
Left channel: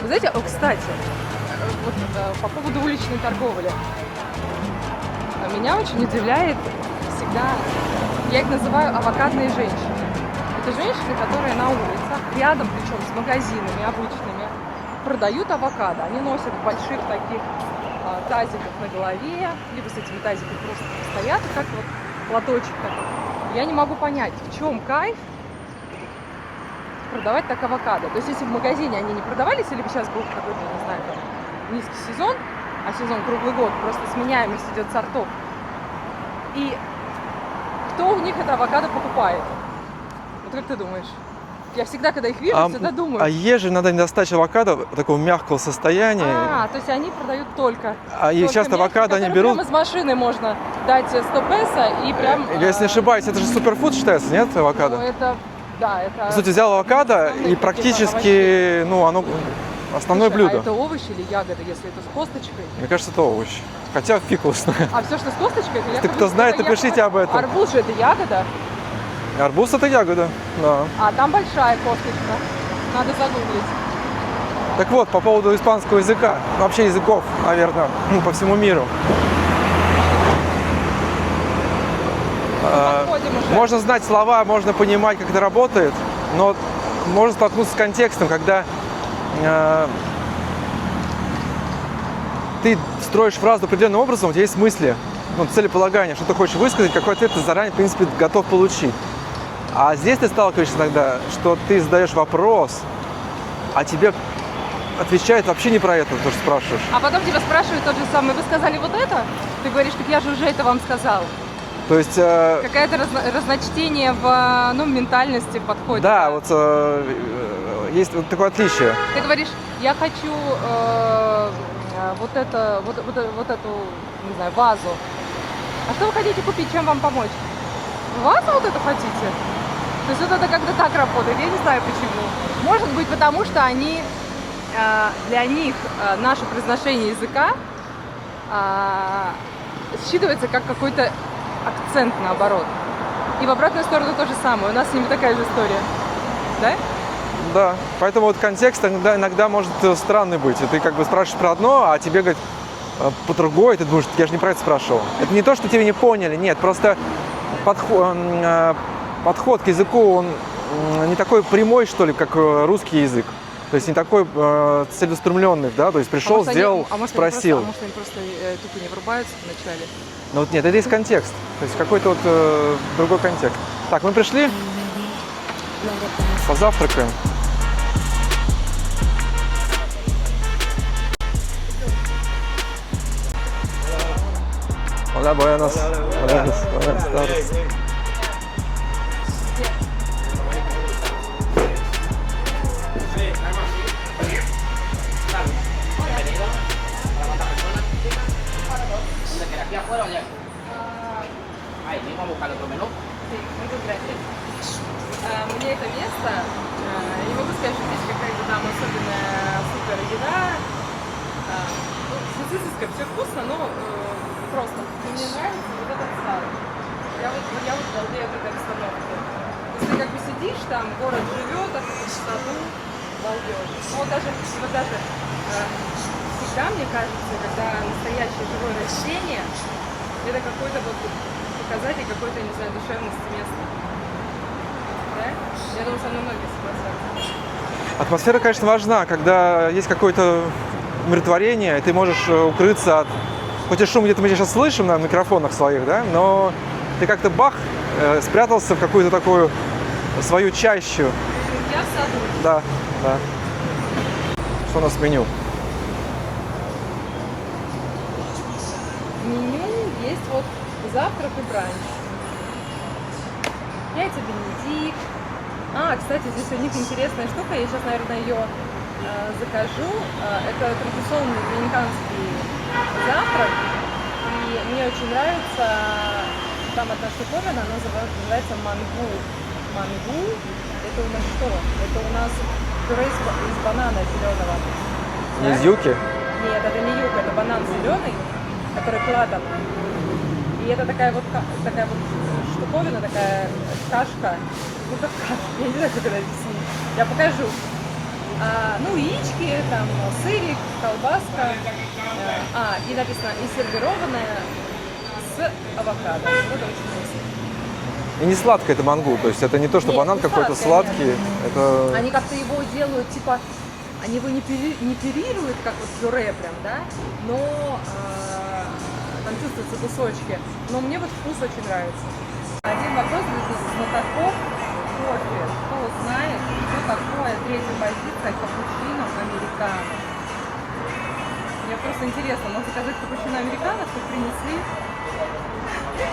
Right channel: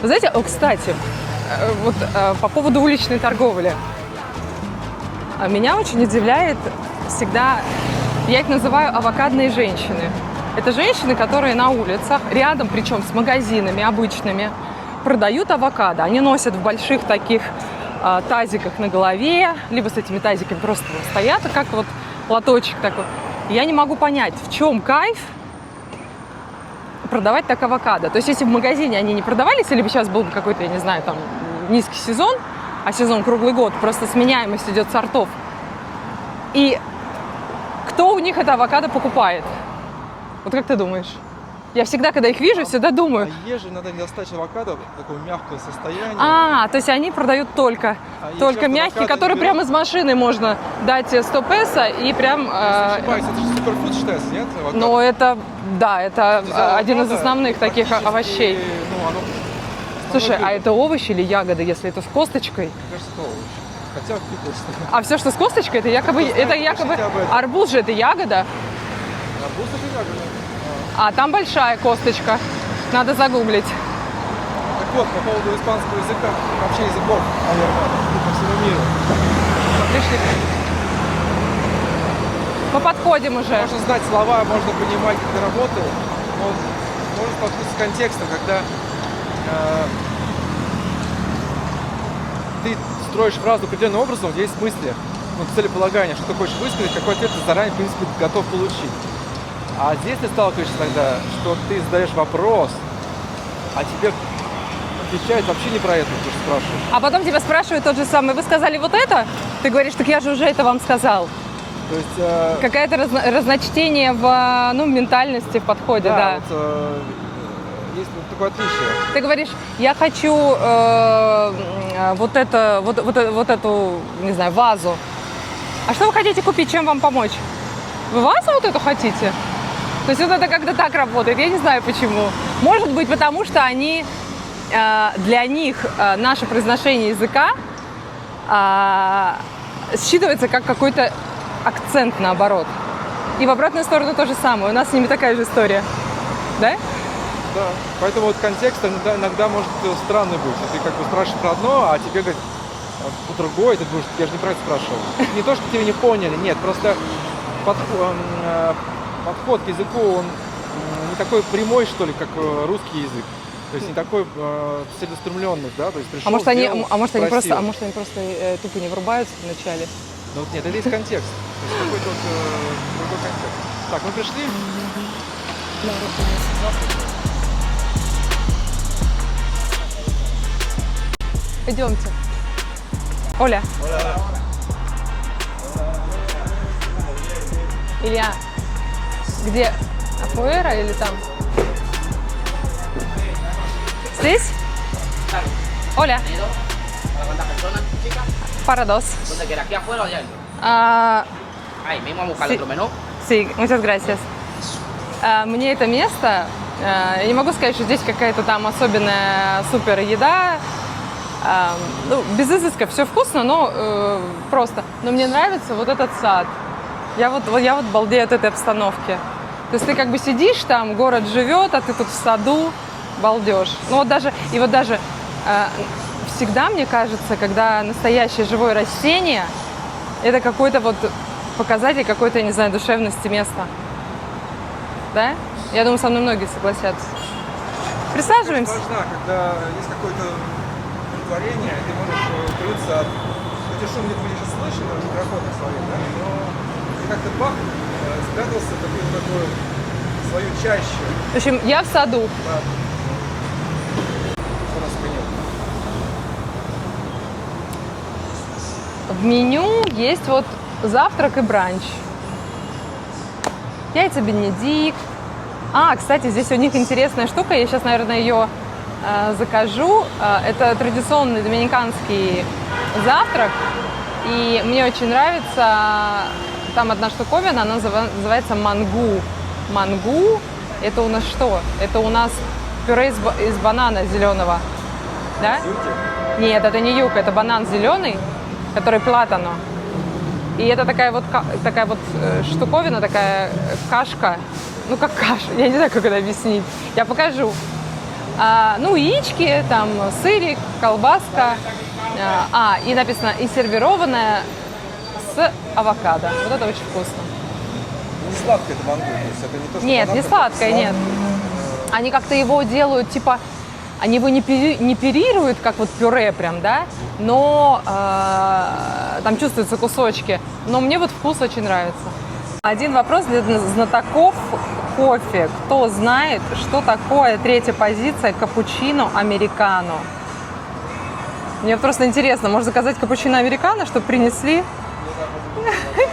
Вы знаете, кстати, вот по поводу уличной торговли. Меня очень удивляет всегда, я их называю авокадные женщины. Это женщины, которые на улицах, рядом, причем с магазинами обычными, продают авокадо. Они носят в больших таких тазиках на голове, либо с этими тазиками просто стоят, как вот платочек такой. Я не могу понять, в чем кайф продавать так авокадо. То есть если в магазине они не продавались, или бы сейчас был бы какой-то, я не знаю, там низкий сезон, а сезон круглый год, просто сменяемость идет сортов. И кто у них это авокадо покупает? Вот как ты думаешь? Я всегда, когда их вижу, всегда думаю. А есть же иногда недостача авокадо такого мягкого состояния. То есть они продают только часто мягкие, авокадо они которые берут- прямо из машины можно дать 100 песо и прям... Если не ошибаюсь, это же суперфуд считается, нет, авокадо? Но это, да, По это сути, взял один из авокадо основных и таких практически, овощей. ну, оно основное Слушай, блюдо. а это овощи или ягоды, если это с косточкой? Мне кажется, это овощ. Хотя фикусное. А все, что с косточкой, это якобы... кто знает, это напишите якобы- об этом. Арбуз же это ягода, Арбуз это ягода, да. а там большая косточка. Надо загуглить. Так вот, по поводу испанского языка, вообще языков, наверное, ну, по всему миру. Мы подходим уже. Можно знать слова, можно понимать, как это работает, но можно столкнуться с контекстом, когда ты строишь фразу определенным образом, у тебя есть мысли, ну, целеполагание, что ты хочешь высказать, какой ответ ты заранее, в принципе, готов получить. А здесь ты сталкиваешься иногда, что ты задаешь вопрос, а тебе отвечают вообще не про это, то, что спрашиваешь. А потом тебя спрашивают тот же самый, вы сказали вот это? Ты говоришь, так я же уже это вам сказал. То есть, Какое-то разночтение в ментальности, в подходе, да. вот, есть вот такое отличие. Ты говоришь, я хочу вот эту, не знаю, вазу. А что вы хотите купить, чем вам помочь? Вы вазу вот эту хотите? То есть вот это как-то так работает, я не знаю почему. Может быть, потому что они, для них наше произношение языка считывается как какой-то акцент наоборот. И в обратную сторону то же самое. У нас с ними такая же история. Да? Да, поэтому вот контекст иногда может странный быть. И ты как бы спрашиваешь про одно, а тебе говорят по-другому, и ты думаешь, я же неправильно спрашивал. Это не то, что тебя не поняли, нет, просто подход к языку, он не такой прямой, что ли, как русский язык. То есть не такой целеустремленный, да, то есть пришел, может, сделал, они спросил. просто тупо не врубаются вначале. Ну вот нет, это есть контекст, то есть какой-то вот другой контекст. Так, мы пришли, позавтракаем. Идемте. Оля, Hola, buenas. Илья, где? Фуэра или там? Здесь? Оля. Para dos. Ahí mismo a buscar Sí. otro menú. Sí, muchas gracias. Мне это место, я не могу сказать, что здесь какая-то там особенная супер еда. Ну, без изыска, все вкусно, но просто. Но мне нравится вот этот сад. Я вот балдею от этой обстановки. То есть ты как бы сидишь там, город живет, а ты тут в саду балдеж. Ну вот даже, всегда мне кажется, когда настоящее живое растение, это какой-то вот показатель какой-то, я не знаю, душевности места. Да? Я думаю, со мной многие согласятся. Атмосфера, конечно, Присаживаемся. важна, когда есть какое-то умиротворение, и ты можешь укрыться от... Хоть и шум где-то мы сейчас слышим на микрофонах своих, да, но ты как-то спрятался в какую-то такую свою чащу. В общем, я в саду. Да, да. Что у нас в меню? В меню есть вот завтрак и бранч. Яйца бенедикт. Кстати, здесь у них интересная штука. Я сейчас, наверное, ее закажу. Это традиционный доминиканский завтрак. И мне очень нравится, там одна штуковина, она называется мангу. Мангу – это у нас что? Это у нас пюре из банана зеленого. Да? Из юки? Нет, это не юка, это банан зеленый, который платано. И это такая вот штуковина, такая кашка. Ну, как каша, я не знаю, как это объяснить. Я покажу. Ну, яички, там, сырик, колбаска. И написано, и сервированная с авокадо. Вот это очень вкусно. И не сладкое это мангу, то есть это не то, что Нет, банан не какой-то сладкое, сладкий. нет. Это... Они как-то его делают, типа, они его не пюрируют, как вот пюре прям, да, но там чувствуются кусочки. Но мне вот вкус очень нравится. Один вопрос для знатоков кофе. Кто знает, что такое третья позиция капучино американо? Мне просто интересно, можно заказать капучино американо, чтобы принесли?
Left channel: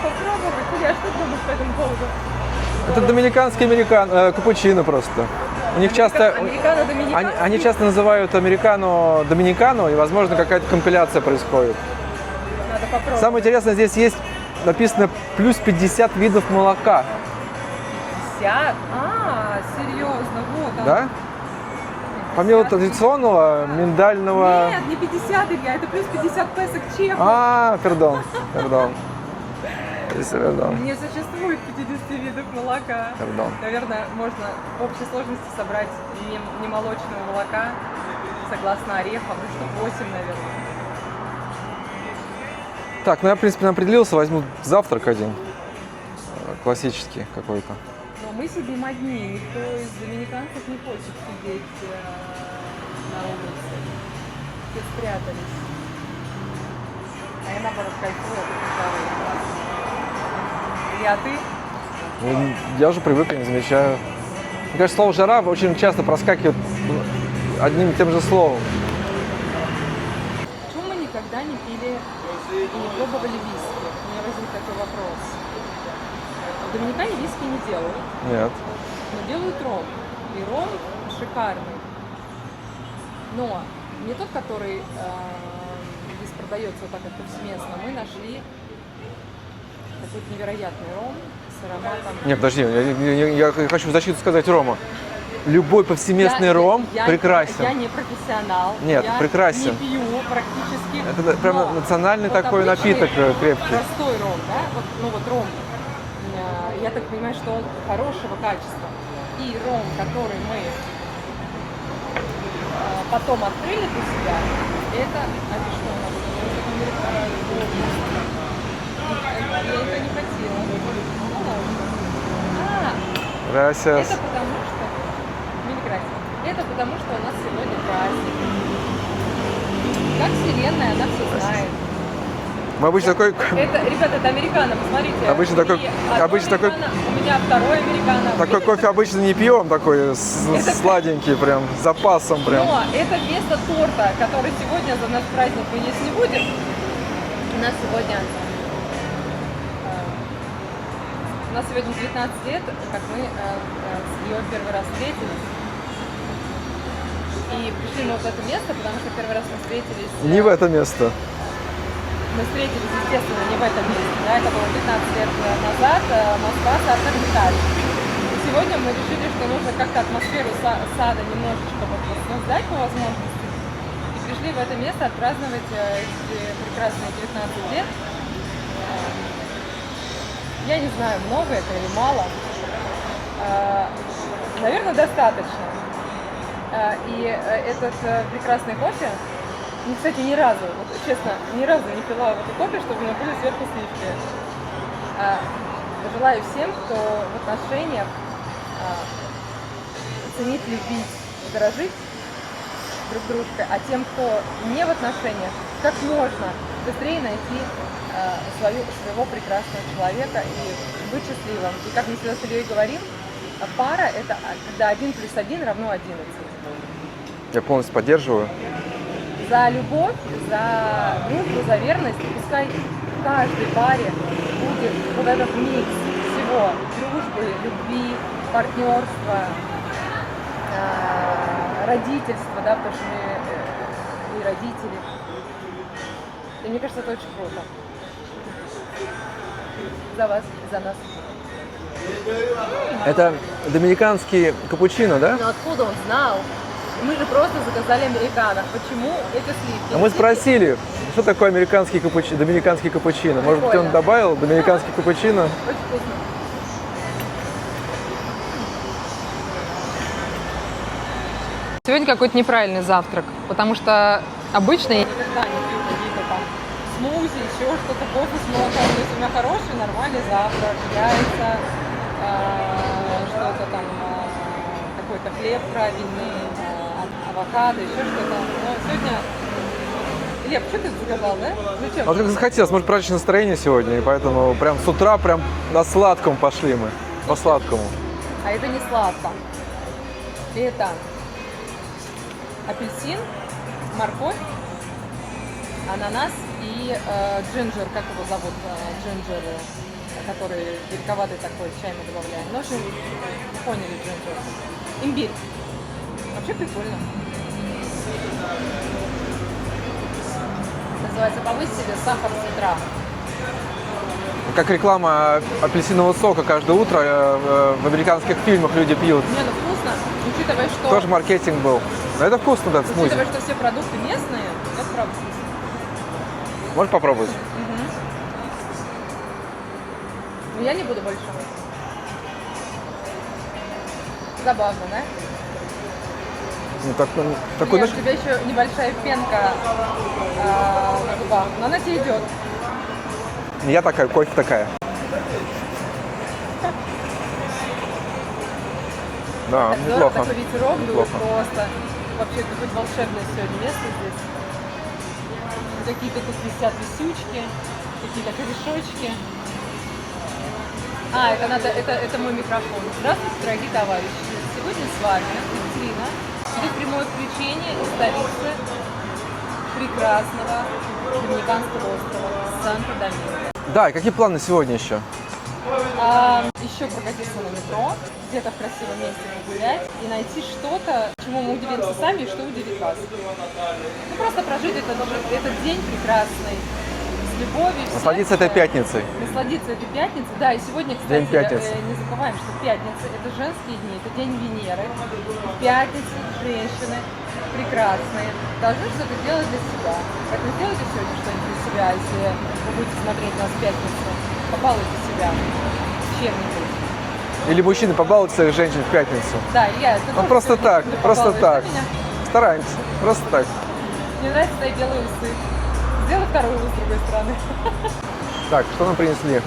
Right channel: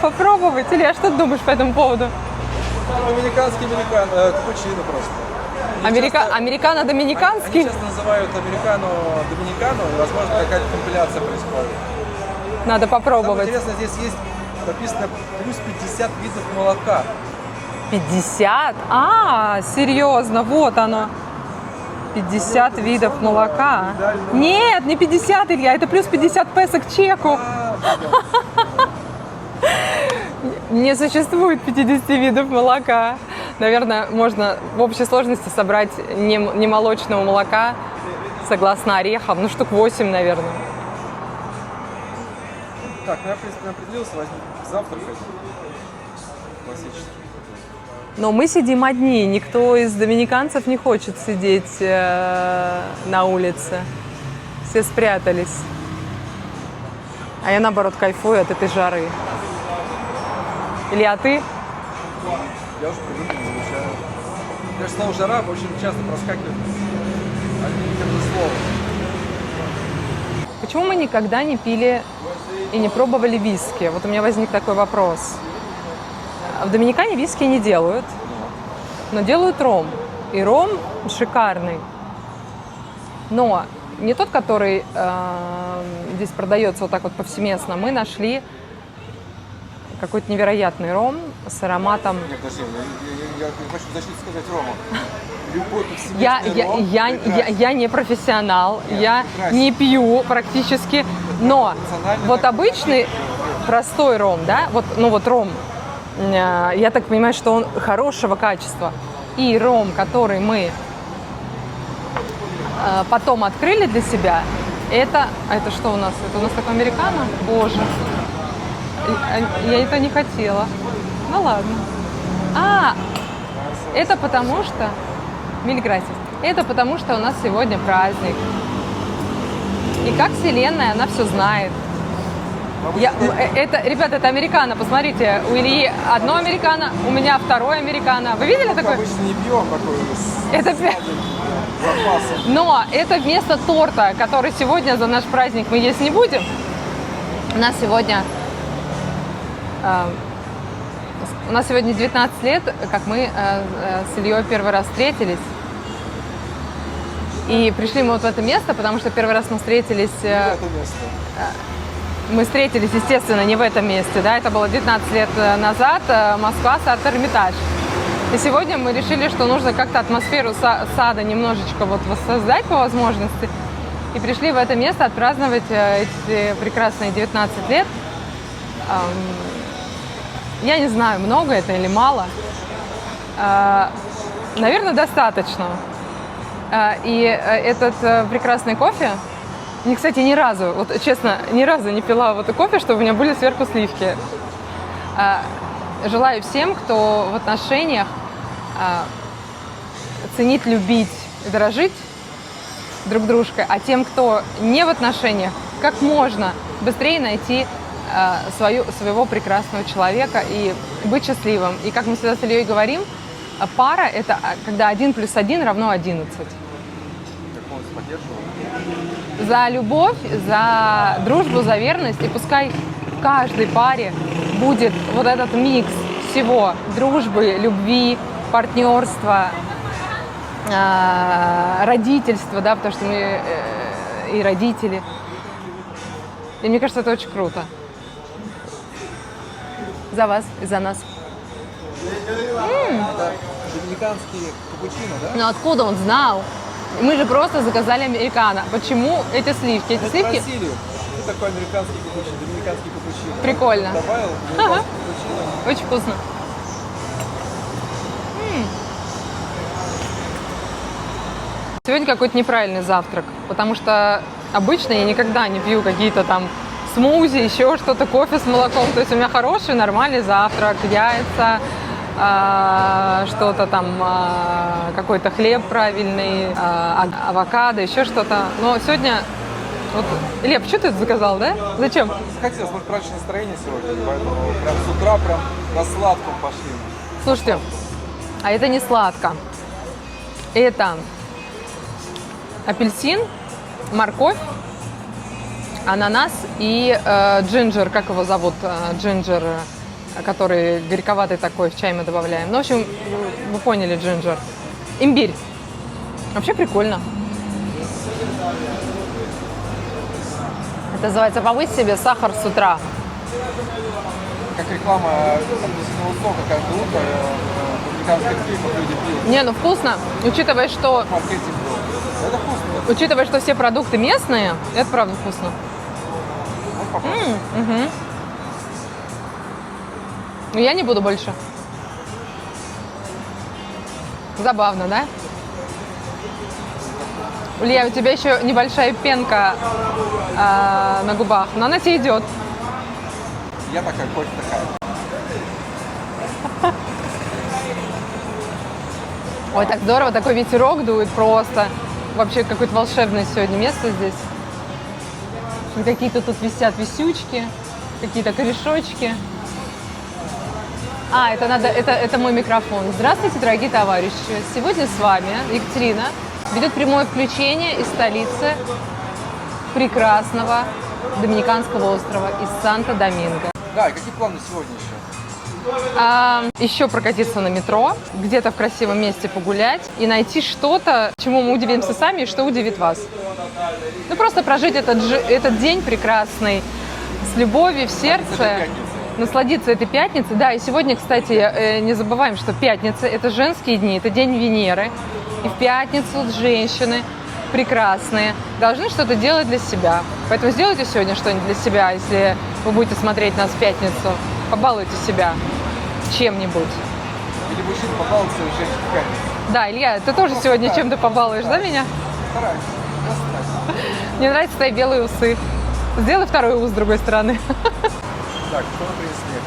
Попробовать. Или что ты думаешь по этому поводу? Это доминиканский капучино просто. У них Американо доминиканский? Они часто называют американо доминикано, и, возможно, какая-то компиляция происходит. Надо попробовать. Самое интересное, здесь есть написано плюс 50 видов молока. 50? Серьезно, вот оно. 50 Помимо видов традиционного, молока. миндального- Нет, не 50, Илья, это плюс 50 песо к чеку. Пардон. Не существует 50 видов молока. Пардон. Наверное, можно в общей сложности собрать немолочного молока, согласно орехам, штук 8, наверное. Так, я, в принципе, определился, возьму завтрак один. Классический какой-то. Но мы сидим одни, никто из доминиканцев не хочет сидеть на улице. Все спрятались. А я, наоборот, кайфую от этой жары. Илья, ты? Я уже привык, не замечаю. Мне кажется, слово «жара» очень часто проскакивает одним и тем же словом. Почему мы никогда не пили и не пробовали виски? Вот у меня возник такой вопрос. В Доминикане виски не делают, Нет. но делают ром. И ром шикарный. Но не тот, который здесь продается вот так вот повсеместно. Мы нашли какой-то невероятный ром с ароматом... Нет, подожди, я хочу в защиту сказать Рома. Любой повсеместный ром прекрасен. Я не профессионал, Нет, я прекрасен. не пью практически, Это но национальный вот такой обычный напиток крепкий. простой ром, да, вот ром, я так понимаю, что он хорошего качества. И ром, который мы потом открыли для себя, это что у нас? Это у нас такой американо? Боже, я это не хотела. Ну ладно. Gracias. Это потому что... Миль грасис. Это потому что у нас сегодня праздник. И как вселенная, она все знает. Мы обычно такой... Ребята, это американо, посмотрите. Обычно У Ильи такой- одно обычно американо, у меня второе американо. Вы видели Такой такой? обычно не пьем, такой Это- сладенький прям, с запасом прям. Но это вместо торта, который сегодня за наш праздник мы есть не будем. У нас сегодня 19 лет, как мы с Ильей первый раз встретились. И пришли мы вот в это место, потому что первый раз мы встретились... Не в это место. Мы встретились, естественно, не в этом месте, да, это было 19 лет назад, Москва, сад Эрмитаж. И сегодня мы решили, что нужно как-то атмосферу сада немножечко вот воссоздать по возможности. И пришли в это место отпраздновать эти прекрасные 19 лет. Я не знаю, много это или мало. Наверное, достаточно. И этот прекрасный кофе, и, кстати, ни разу, вот честно, ни разу не пила вот кофе, чтобы у меня были сверху сливки. Желаю всем, кто в отношениях, ценить, любить, дорожить друг дружкой, а тем, кто не в отношениях, как можно быстрее найти своего прекрасного человека и быть счастливым. И как мы всегда с Ильей говорим, пара – это когда 1 + 1 равно 11. Я полностью поддерживаю. За любовь, за дружбу, за верность. И пускай в каждой паре будет вот этот микс всего – дружбы, любви, партнерства, родительства, да, потому что мы и родители. И мне кажется, это очень круто. За вас и за нас. Это доминиканский капучино, да? Но откуда он знал? Мы же просто заказали американо. Почему эти сливки? Мы Эти сливки спросили, что такое американский капучино, доминиканский капучино. Может, Прикольно. он добавил доминиканский капучино? очень вкусно. Сегодня какой-то неправильный завтрак, потому что обычно я никогда не пью какие-то там смузи, еще что-то, кофе с молоком. То есть у меня хороший, нормальный завтрак, яйца, что-то там, какой-то хлеб правильный, авокадо, еще что-то. Но сегодня... Вот, Илья, почему ты это заказал, да? Зачем? Вот как захотелось, может, праздничное настроение сегодня, и поэтому прям с утра прям на сладком пошли мы. Слушайте, по сладкому. А это не сладко. Это апельсин, морковь, ананас и джинджер, как его зовут, джинджер, который горьковатый такой, в чай мы добавляем. Ну, в общем, вы поняли, джинджер. Имбирь. Вообще прикольно. Это называется «Повысь себе сахар с утра». Как реклама апельсинового сока каждое утро в американских фильмах люди пьют. Не, ну вкусно, учитывая, что... Тоже маркетинг был. Но это вкусно, да. вкусно. Учитывая, что все продукты местные, это правда вкусно. Можешь попробовать? Но я не буду больше. Забавно, да? Ну, так, Лев, у тебя еще небольшая пенка на губах, но она тебе идет. Я такая, кофе такая. Ой, Да, так здорово, неплохо. такой ветерок дует просто. Вообще какое-то волшебное сегодня место здесь. И какие-то тут висят висючки, какие-то корешочки. Это мой микрофон. Здравствуйте, дорогие товарищи. Сегодня с вами Екатерина ведет прямое включение из столицы прекрасного Доминиканского острова, из Санто-Доминго. Да, и какие планы сегодня еще? Еще прокатиться на метро, где-то в красивом месте погулять и найти что-то, чему мы удивимся сами и что удивит вас. Ну, просто прожить этот день прекрасный с любовью в сердце. Насладиться этой пятницей. Насладиться этой пятницей. Да, и сегодня, кстати, День пятницы. не забываем, что пятница – это женские дни, это день Венеры. И в пятницу женщины прекрасные должны что-то делать для себя. Поэтому сделайте сегодня что-нибудь для себя, если вы будете смотреть нас в пятницу. Побалуйте себя чем-нибудь. Или мужчины побалуют своих женщин в пятницу? Да, Илья, ты тоже Просто сегодня так, чем-то просто побалуешь, да, так. меня? Стараемся, просто так. Мне нравятся твои белые усы. Сделай второй ус с другой стороны. Так, что нам принесли?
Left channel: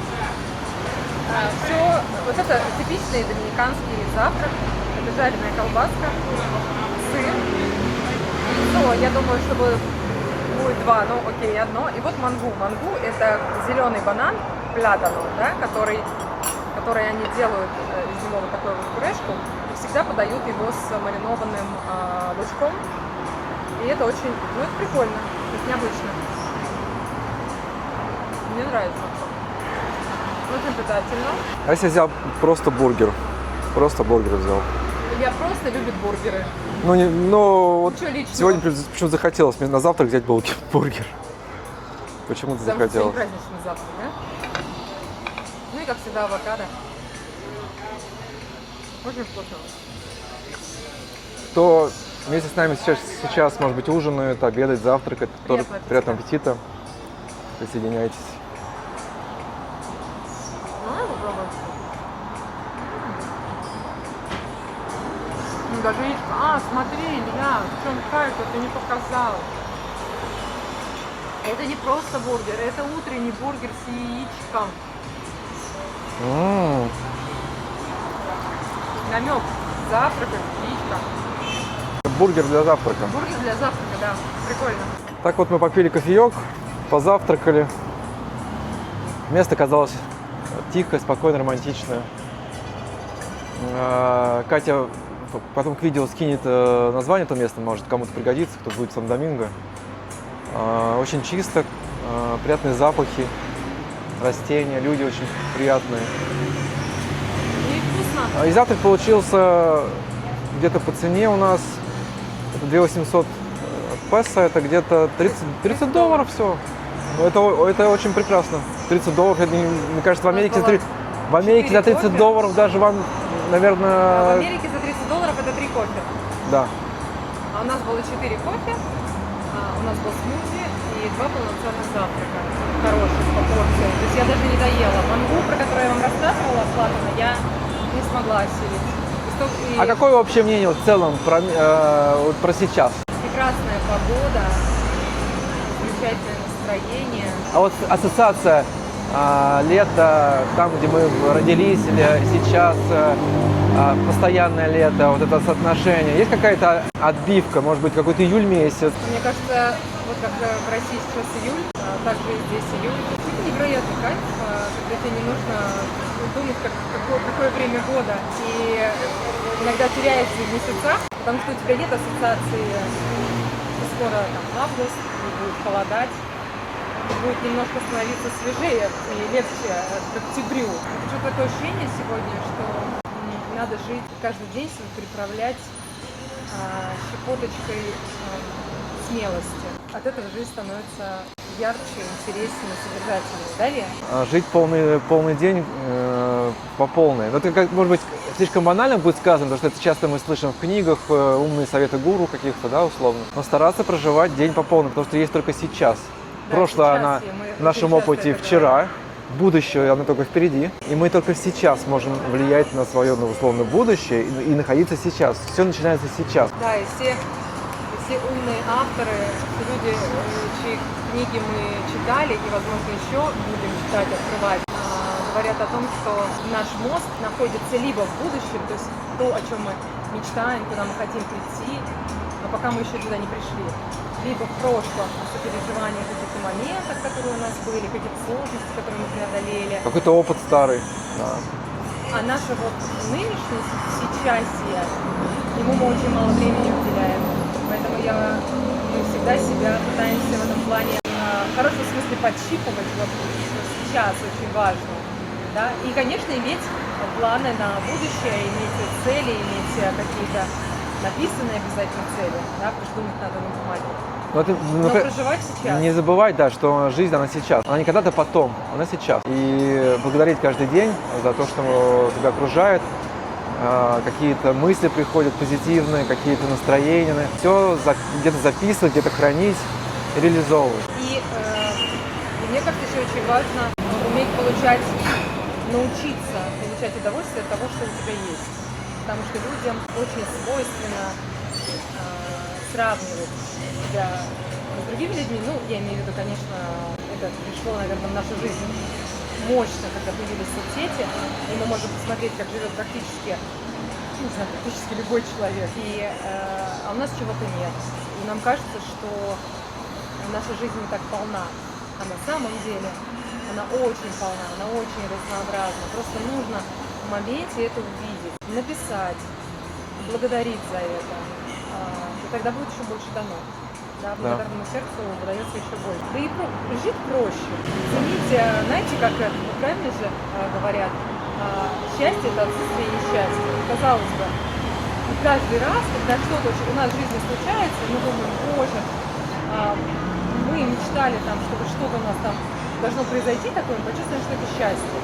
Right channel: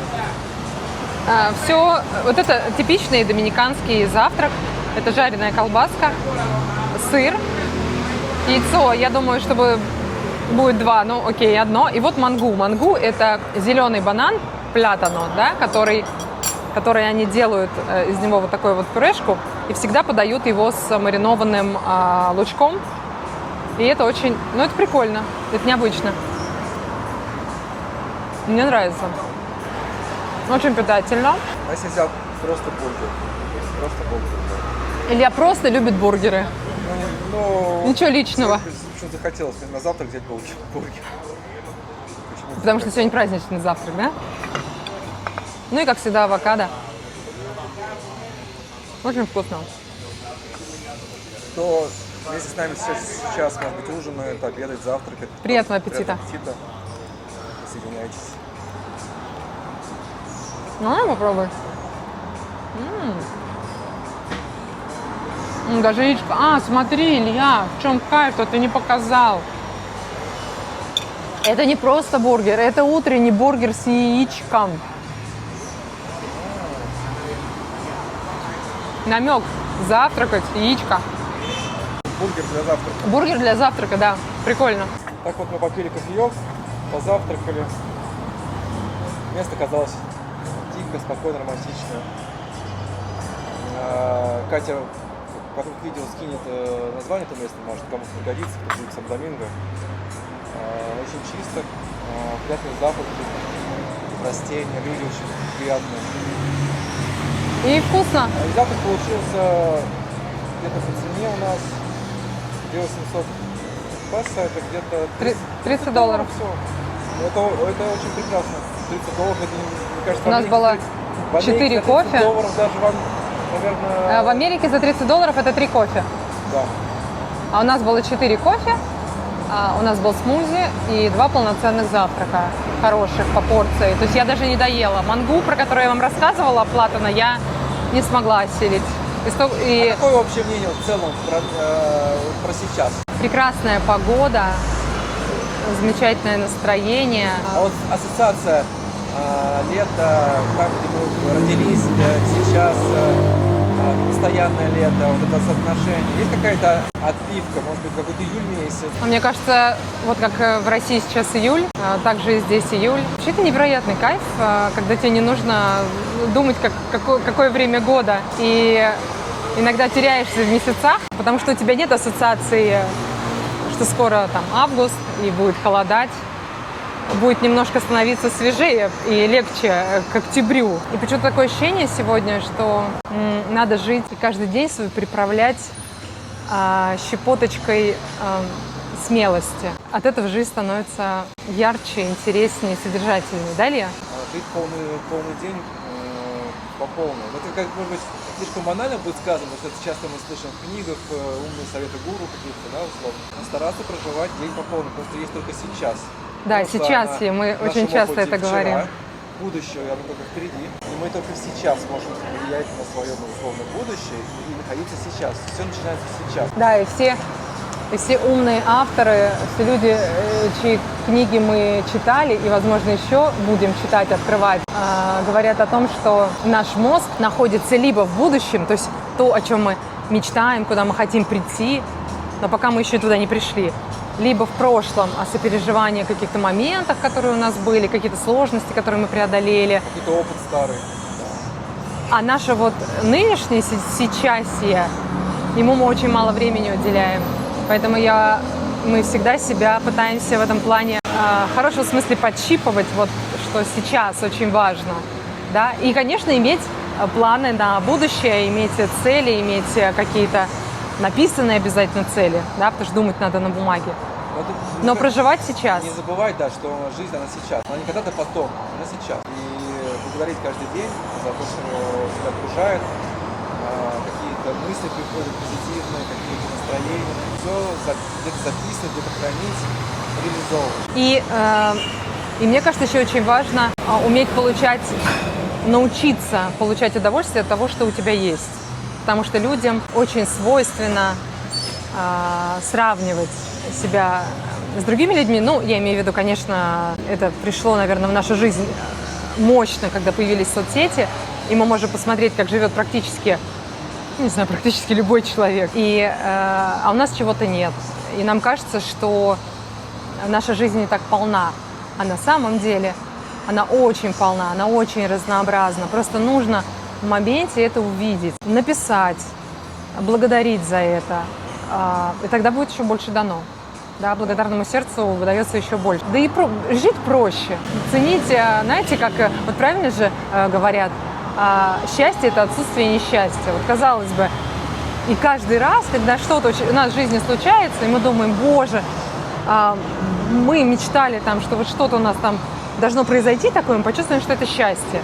Все, вот это типичный доминиканский завтрак. Это жареная колбаска, сыр, яйцо. Я думаю, чтобы будет два, но окей, одно. И вот мангу. Мангу – это зеленый банан, плятано, да, который они делают из него вот такую вот пюрешку и всегда подают его с маринованным лучком. И это очень, ну это прикольно, это необычно. Мне нравится. Очень питательно. А если взял просто бургер? Просто бургер взял. Илья просто любит бургеры. Ну, Ничего личного. Сегодня почему захотелось мне на завтрак взять бургер. почему-то Потому что сегодня захотелось. праздничный завтрак, да? Ну и, как всегда, авокадо. Очень вкусно. Кто вместе с нами сейчас, может быть, ужинает, обедает, завтракает. Приятного тоже аппетита. Приятного аппетита. Присоединяйтесь. Ну, попробуй. Даже яичко. А, смотри, Илья, в чем кайф-то ты не показал. Это не просто бургер, это утренний бургер с яичком. Намек. Завтракать, яичко. Бургер для завтрака. Бургер для завтрака, да. Прикольно. Так вот мы попили кофеек, позавтракали. Место казалось тихое, спокойно, романтичное. Катя потом к видео скинет название этого места, может кому-то пригодится, кто будет в Сан-Доминго. Очень чисто, приятные запахи, растения, люди очень приятные. И вкусно. И завтрак получился где-то по цене у нас 2800 песо, это где-то 30 долларов всего. Это очень прекрасно. 30 долларов, это, мне кажется, в У нас Америке, было в Америке 4 за 30 кофе. долларов даже вам, наверное... В Америке за 30 долларов это 3 кофе. Да. А у нас было 4 кофе, у нас был смузи и 2 полноценных завтрака, хороших по порции. То есть я даже не доела. Мангу, про которую я вам рассказывала, Платона, я не смогла осилить. И А какое вообще мнение в целом про сейчас? прекрасная погода, замечательное настроение. А вот ассоциация лето, там, где мы родились, или сейчас постоянное лето, вот это соотношение. Есть какая-то отбивка, может быть, какой-то июль месяц? Мне кажется, вот как в России сейчас июль, также и здесь июль. Вообще это невероятный кайф, когда тебе не нужно думать, какое время года. И иногда теряешься в месяцах, потому что у тебя нет ассоциации, что скоро там август и будет холодать. Будет немножко становиться свежее и легче к октябрю. И почему-то такое ощущение сегодня, что надо жить и каждый день свой приправлять щепоточкой смелости. От этого жизнь становится ярче, интереснее, содержательнее. Да, Илья? Жить полный день по полной. Но это, может быть, слишком банально будет сказано, потому что это часто мы слышим в книгах, умные советы гуру каких-то, да, условно. Но стараться проживать день по полной, потому что есть только сейчас. Да, Прошлое, сейчас, оно и мы в нашем очень часто опыте это вчера, говорим. будущее, оно только впереди. И мы только сейчас можем влиять на свое, условно, будущее и находиться сейчас. Все начинается сейчас. Да, и все умные авторы, все люди, чьи книги мы читали и, возможно, еще будем читать, открывать, говорят о том, что наш мозг находится либо в будущем, то есть то, о чем мы мечтаем, куда мы хотим прийти, но пока мы еще туда не пришли, либо в прошлом, о сопереживании каких-то моментах, которые у нас были, какие-то сложности, которые мы преодолели. Какой-то опыт старый. Да. А наше вот нынешнее сейчасье, ему мы очень мало времени уделяем. Поэтому мы всегда себя пытаемся в этом плане в хорошем смысле подщипывать, вот, что сейчас очень важно. Да? И, конечно, иметь планы на будущее, иметь цели, иметь какие-то написанные обязательно цели, да? Потому что думать надо на бумаге. Но проживать сейчас. Не забывать, да, что жизнь, она сейчас. Она не когда-то потом, она сейчас. И благодарить каждый день за то, что тебя окружает. Какие-то мысли приходят позитивные, какие-то настроения. Все где-то записывать, где-то хранить, реализовывать. И мне кажется, еще очень важно уметь научиться получать удовольствие от того, что у тебя есть. Потому что людям очень свойственно сравнивать себя с другими людьми. Ну, я имею в виду, конечно, это пришло, наверное, в нашу жизнь мощно, когда появились соцсети, и мы можем посмотреть, как живет практически любой человек. А у нас чего-то нет. И нам кажется, что наша жизнь не так полна. А на самом деле она очень полна, она очень разнообразна. Просто нужно в моменте это увидеть, написать, благодарить за это. И тогда будет еще больше дано. Да, благодарному сердцу выдается еще больше. Да и жить проще. Ценить, знаете, как вот правильно же говорят, счастье – это отсутствие несчастья. Вот, казалось бы, и каждый раз, когда что-то у нас в жизни случается, и мы думаем, боже, мы мечтали там, что вот что-то у нас там должно произойти такое, мы почувствуем, что это счастье.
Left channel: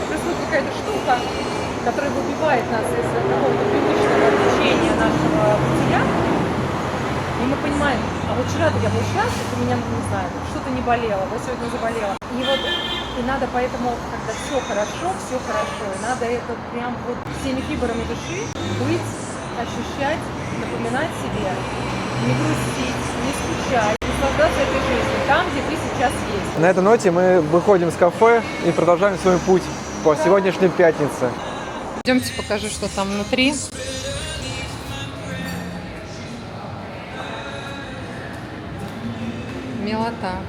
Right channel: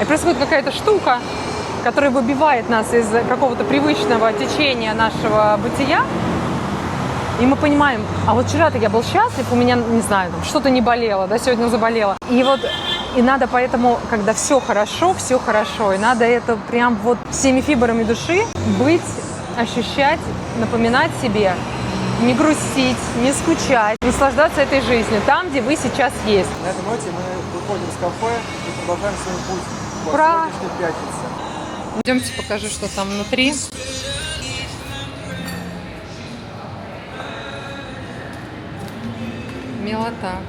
И происходит какая-то штука, которая выбивает нас из какого-то привычного течения нашего бытия, и мы понимаем, а вот вчера-то я был счастлив, у меня, не знаю, что-то не болело, да, сегодня заболело. И вот, и надо поэтому, когда все хорошо, и надо это прям вот всеми фибрами души быть, ощущать, напоминать себе, не грустить, не скучать, наслаждаться этой жизнью, там, где вы сейчас есть. На этой ноте мы выходим из кафе и продолжаем свой путь по Ура! сегодняшней пятнице. Идемте покажу, что там внутри. Милота.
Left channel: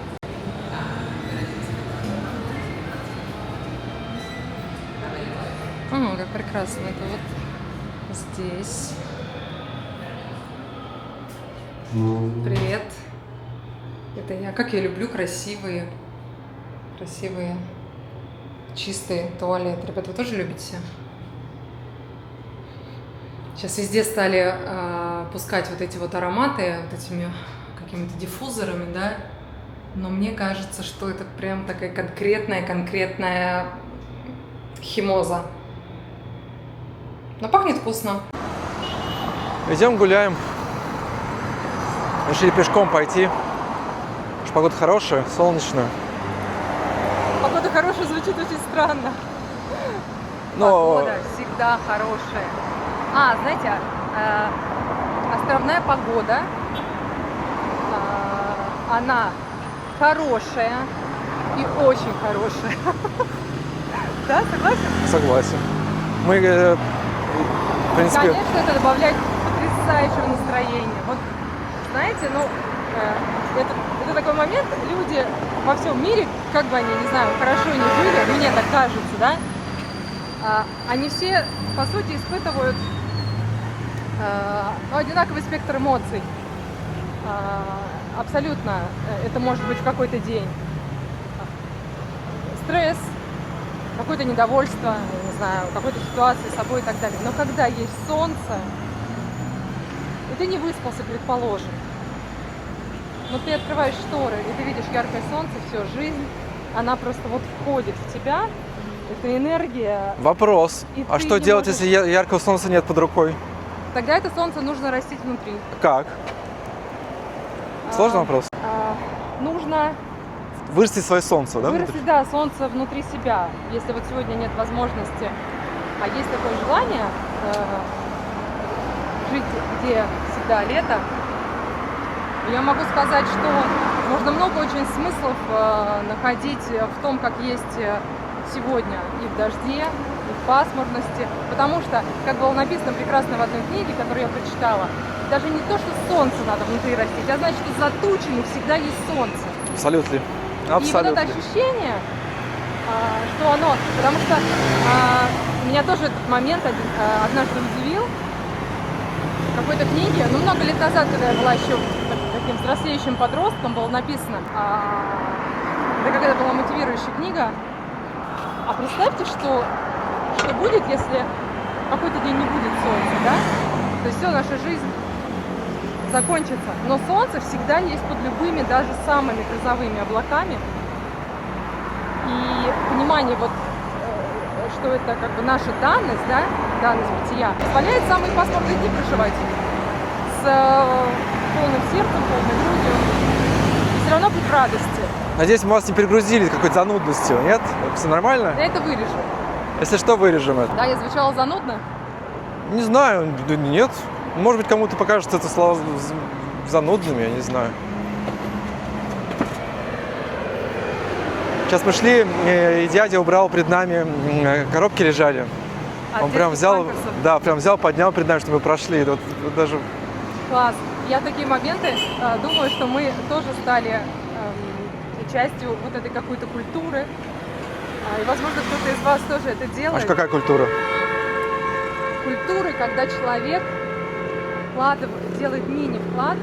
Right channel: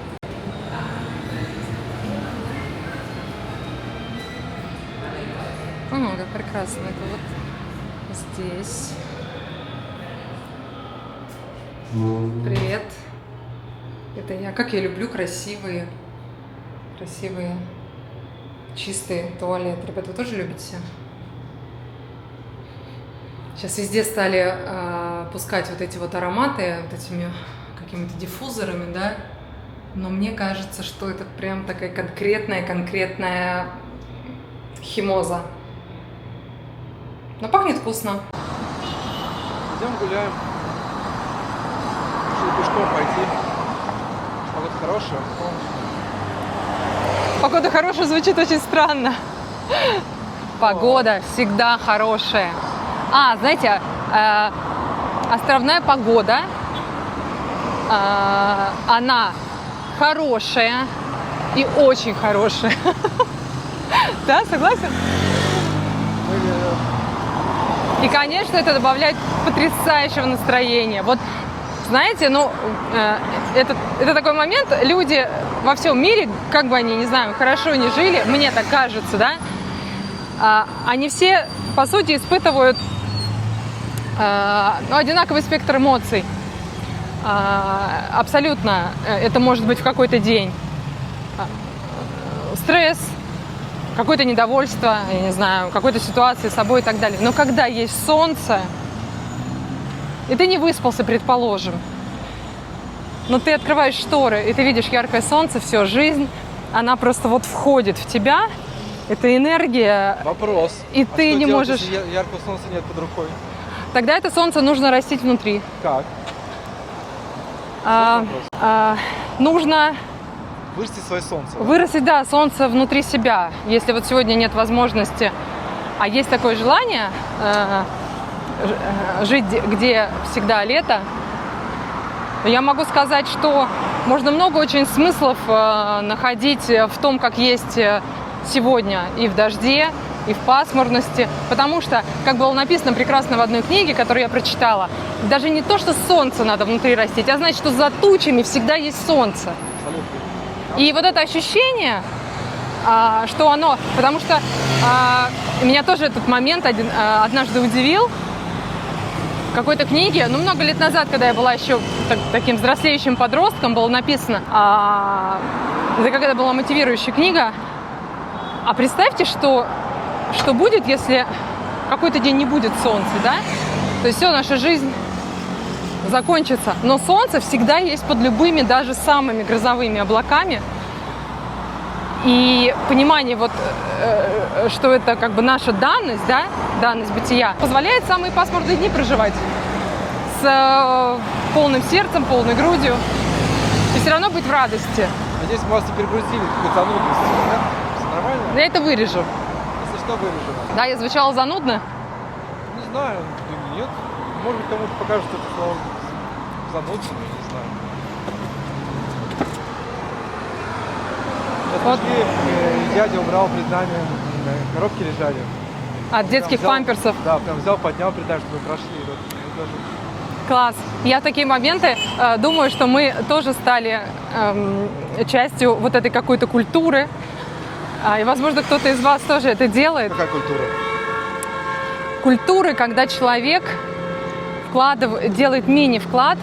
О, как прекрасно. Это вот здесь. Привет. Это я. Как я люблю красивые, чистые туалеты. Ребята, вы тоже любите? Сейчас везде стали пускать вот эти вот ароматы, вот этими какими-то диффузорами, да? Но мне кажется, что это прям такая конкретная химоза. Но пахнет вкусно. Идем гуляем. Решили пешком пойти. Потому что погода хорошая, солнечная. Погода хорошая звучит очень странно. Но- Погода всегда хорошая. Знаете, островная погода, она хорошая и очень хорошая. Да, согласен? Согласен. Мы, в И, принципе, конечно, это добавляет потрясающего настроения. Вот, знаете, это такой момент, люди во всем мире, как бы они, не знаю, хорошо не жили, мне так кажется, да, они все, по сути, испытывают одинаковый спектр эмоций. Абсолютно. Это может быть в какой-то день стресс, какое-то недовольство, я не знаю, какой-то ситуации с собой и так далее. Но когда есть солнце, и ты не выспался, предположим, но ты открываешь шторы, и ты видишь яркое солнце, все, жизнь, она просто вот входит в тебя, эта энергия. вопрос. И А ты что не делать, можешь- если яркого солнца нет под рукой? Тогда это солнце нужно растить внутри. Как? Сложный вопрос. Нужно Вырастить свое солнце, да? вырастить, да, солнце внутри себя. Если вот сегодня нет возможности, а есть такое желание жить, где всегда лето, я могу сказать, что можно много очень смыслов находить в том, как есть сегодня и в дожде, и в пасмурности. Потому что, как было написано прекрасно в одной книге, которую я прочитала, даже не то, что солнце надо внутри растить, а значит, что за тучами всегда есть солнце. Абсолютно. И вот это ощущение, что оно... Потому что меня тоже этот момент однажды удивил. В какой-то книге, много лет назад, когда я была еще таким взрослеющим подростком, было написано, это какая-то была мотивирующая книга, а представьте, что будет, если какой-то день не будет солнца, да? То есть все, наша жизнь закончится. Но солнце всегда есть под любыми, даже самыми грозовыми облаками. И понимание что это как бы наша данность, да, данность бытия, позволяет самые пасмурные дни проживать с полным сердцем, полной грудью и все равно быть в радости. Надеюсь, мы вас не перегрузили какой-то занудностью, нет? Все нормально? Я это вырежу. Если что, вырежем это. Да, я звучала занудно. Не знаю, да нет. Может быть, кому-то покажется это слова занудными, я не знаю. Сейчас пошли, и дядя убрал перед нами, коробки лежали. От Он прям детских взял, памперсов. Да, прям взял, поднял перед нами, чтобы мы прошли. Вот даже... Класс. Я в такие моменты думаю, что мы тоже стали частью вот этой какой-то культуры. И, возможно, кто-то из вас тоже это делает. Какая культура? Культуры, когда человек делает мини-вклад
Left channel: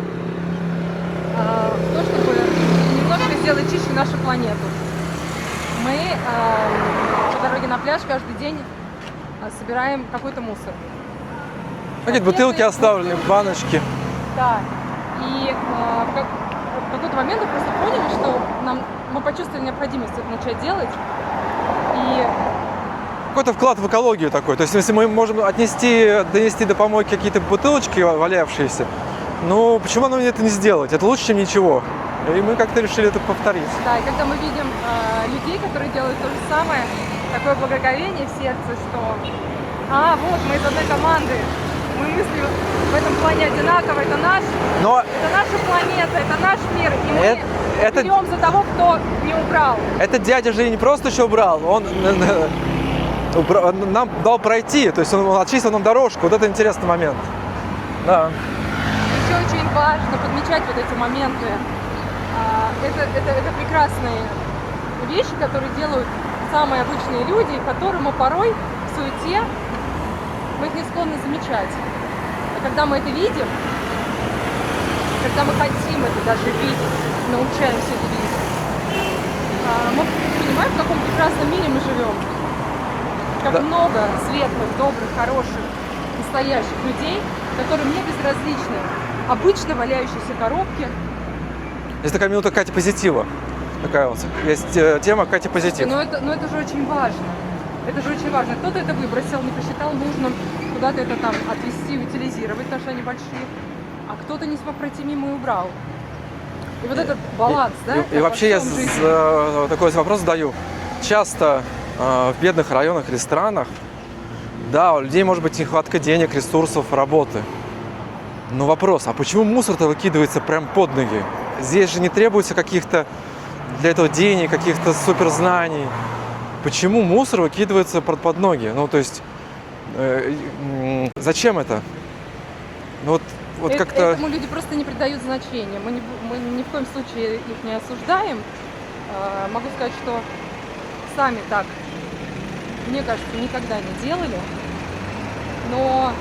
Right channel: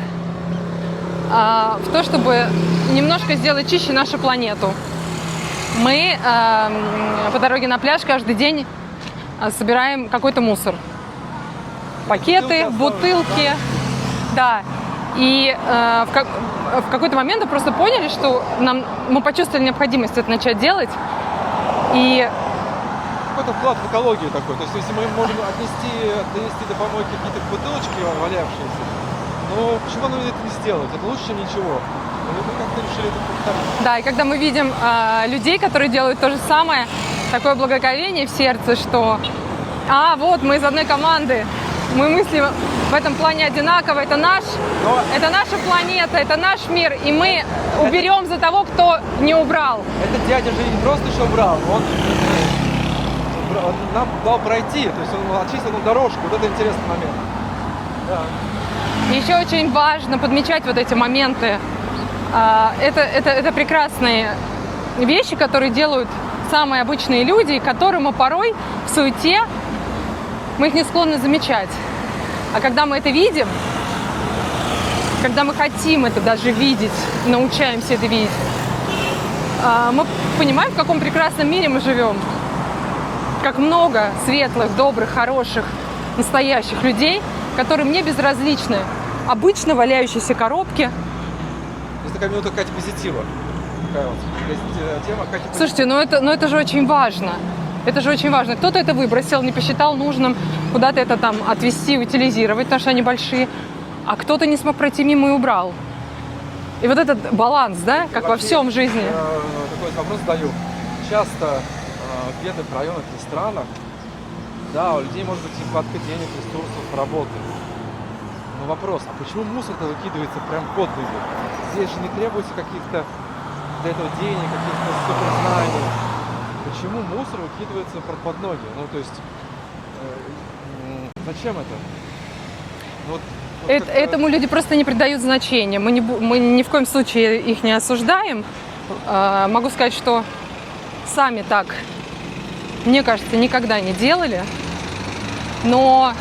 в то, чтобы немножко сделать чище нашу планету. Мы по дороге на пляж каждый день собираем какой-то мусор. Какие-то бутылки оставлены, баночки. Да. И в какой-то момент мы просто поняли, что мы почувствовали необходимость это начать делать. И Какой-то вклад в экологию такой. То есть, если мы можем донести до помойки какие-то бутылочки валявшиеся, ну, почему нам это не сделать? Это лучше, чем ничего. И мы как-то решили это повторить. да, и когда мы видим людей, которые делают то же самое, такое благоговение в сердце, что вот мы из одной команды, мы мыслим в этом плане одинаково, это наша планета, это наш мир, и мы уберем за того, кто не убрал. Этот дядя же не просто еще убрал, он нам дал пройти, то есть он очистил нам дорожку. Вот это интересный момент. Да. Еще очень важно подмечать вот эти моменты. Это прекрасные вещи, которые делают самые обычные люди, и которые мы порой в суете мы их не склонны замечать. А когда мы это видим, когда мы хотим это даже видеть, научаемся это видеть, мы понимаем, в каком прекрасном мире мы живем. Как много светлых, добрых, хороших, настоящих людей, которые мне безразличны. Обычно валяющиеся коробки. Есть такая минута Кати позитива. Такая вот есть тема Кати позитива. Слушайте, но это же очень важно. Это же очень важно. Кто-то это выбросил, не посчитал нужным куда-то это там отвезти, утилизировать, потому что они большие. А кто-то не смог пройти мимо и убрал. И вот этот баланс, да, И как во вообще всем я жизни. такой вопрос задаю. Часто в бедных районах или странах, да, у людей может быть нехватка денег, ресурсов, работы. Но вопрос, а почему мусор-то выкидывается прям под ноги? Здесь же не требуется каких-то для этого денег, каких-то суперзнаний. Почему мусор выкидывается под ноги? Ну, то есть, зачем это? Ну, вот как-то... Этому люди просто не придают значения. Мы ни в коем случае их не осуждаем. Могу сказать, что сами так, мне кажется, никогда не делали. Но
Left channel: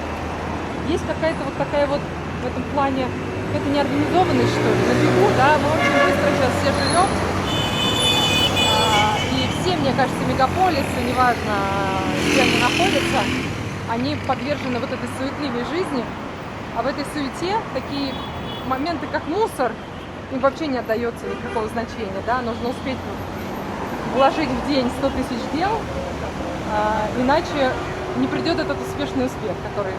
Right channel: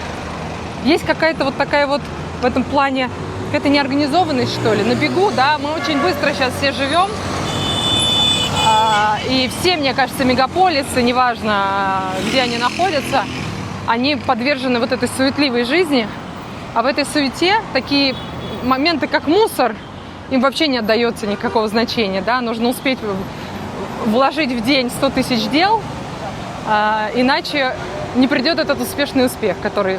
есть какая-то вот такая вот в этом плане какая-то неорганизованность, что ли, на бегу, да, мы очень быстро сейчас все живем. И все, мне кажется, мегаполисы, неважно, где они находятся, они подвержены вот этой суетливой жизни. А в этой суете такие моменты, как мусор, им вообще не отдается никакого значения, да, нужно успеть вложить в день 100 тысяч дел, иначе не придет этот успешный успех, который,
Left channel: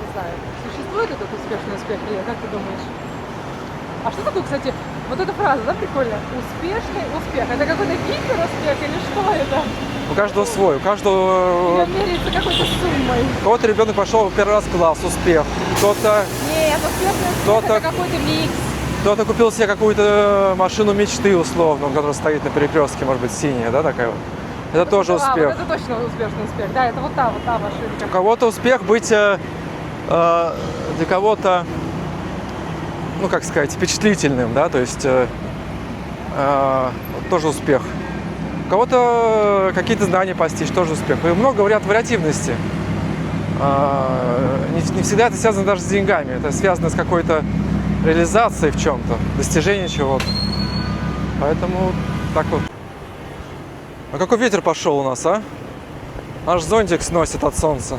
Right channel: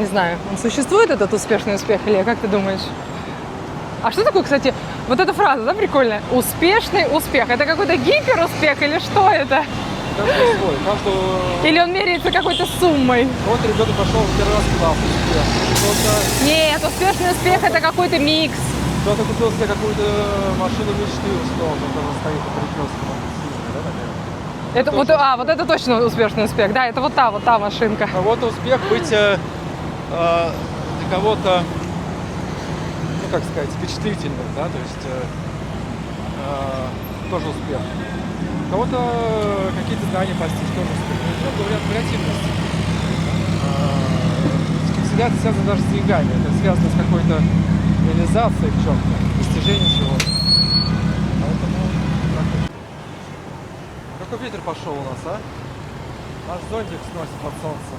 не знаю, существует этот успешный успех или как ты думаешь? А что такое, кстати, вот эта фраза, да, прикольная? Успешный успех. Это какой-то гиперуспех или что это? У каждого свой, у каждого... Или он меряется какой-то суммой? У кого-то ребенок пошел первый раз в класс, успех. Кто-то... Нет, успешный успех Кто-то- это какой-то микс. Кто-то купил себе какую-то машину мечты, условно, которая стоит на перекрестке, может быть, синяя, да, такая вот. Это тоже вот, успех. вот это точно успешный успех, да, это вот та машинка. У кого-то успех быть для кого-то, ну, как сказать, впечатлительным, да, то есть тоже успех. У кого-то какие-то знания постичь, тоже успех. И много говорят вариативности. Не всегда это связано даже с деньгами, это связано с какой-то реализацией в чем-то, достижением чего-то. Поэтому так вот. А какой ветер пошел у нас, а? Наш зонтик сносит от солнца.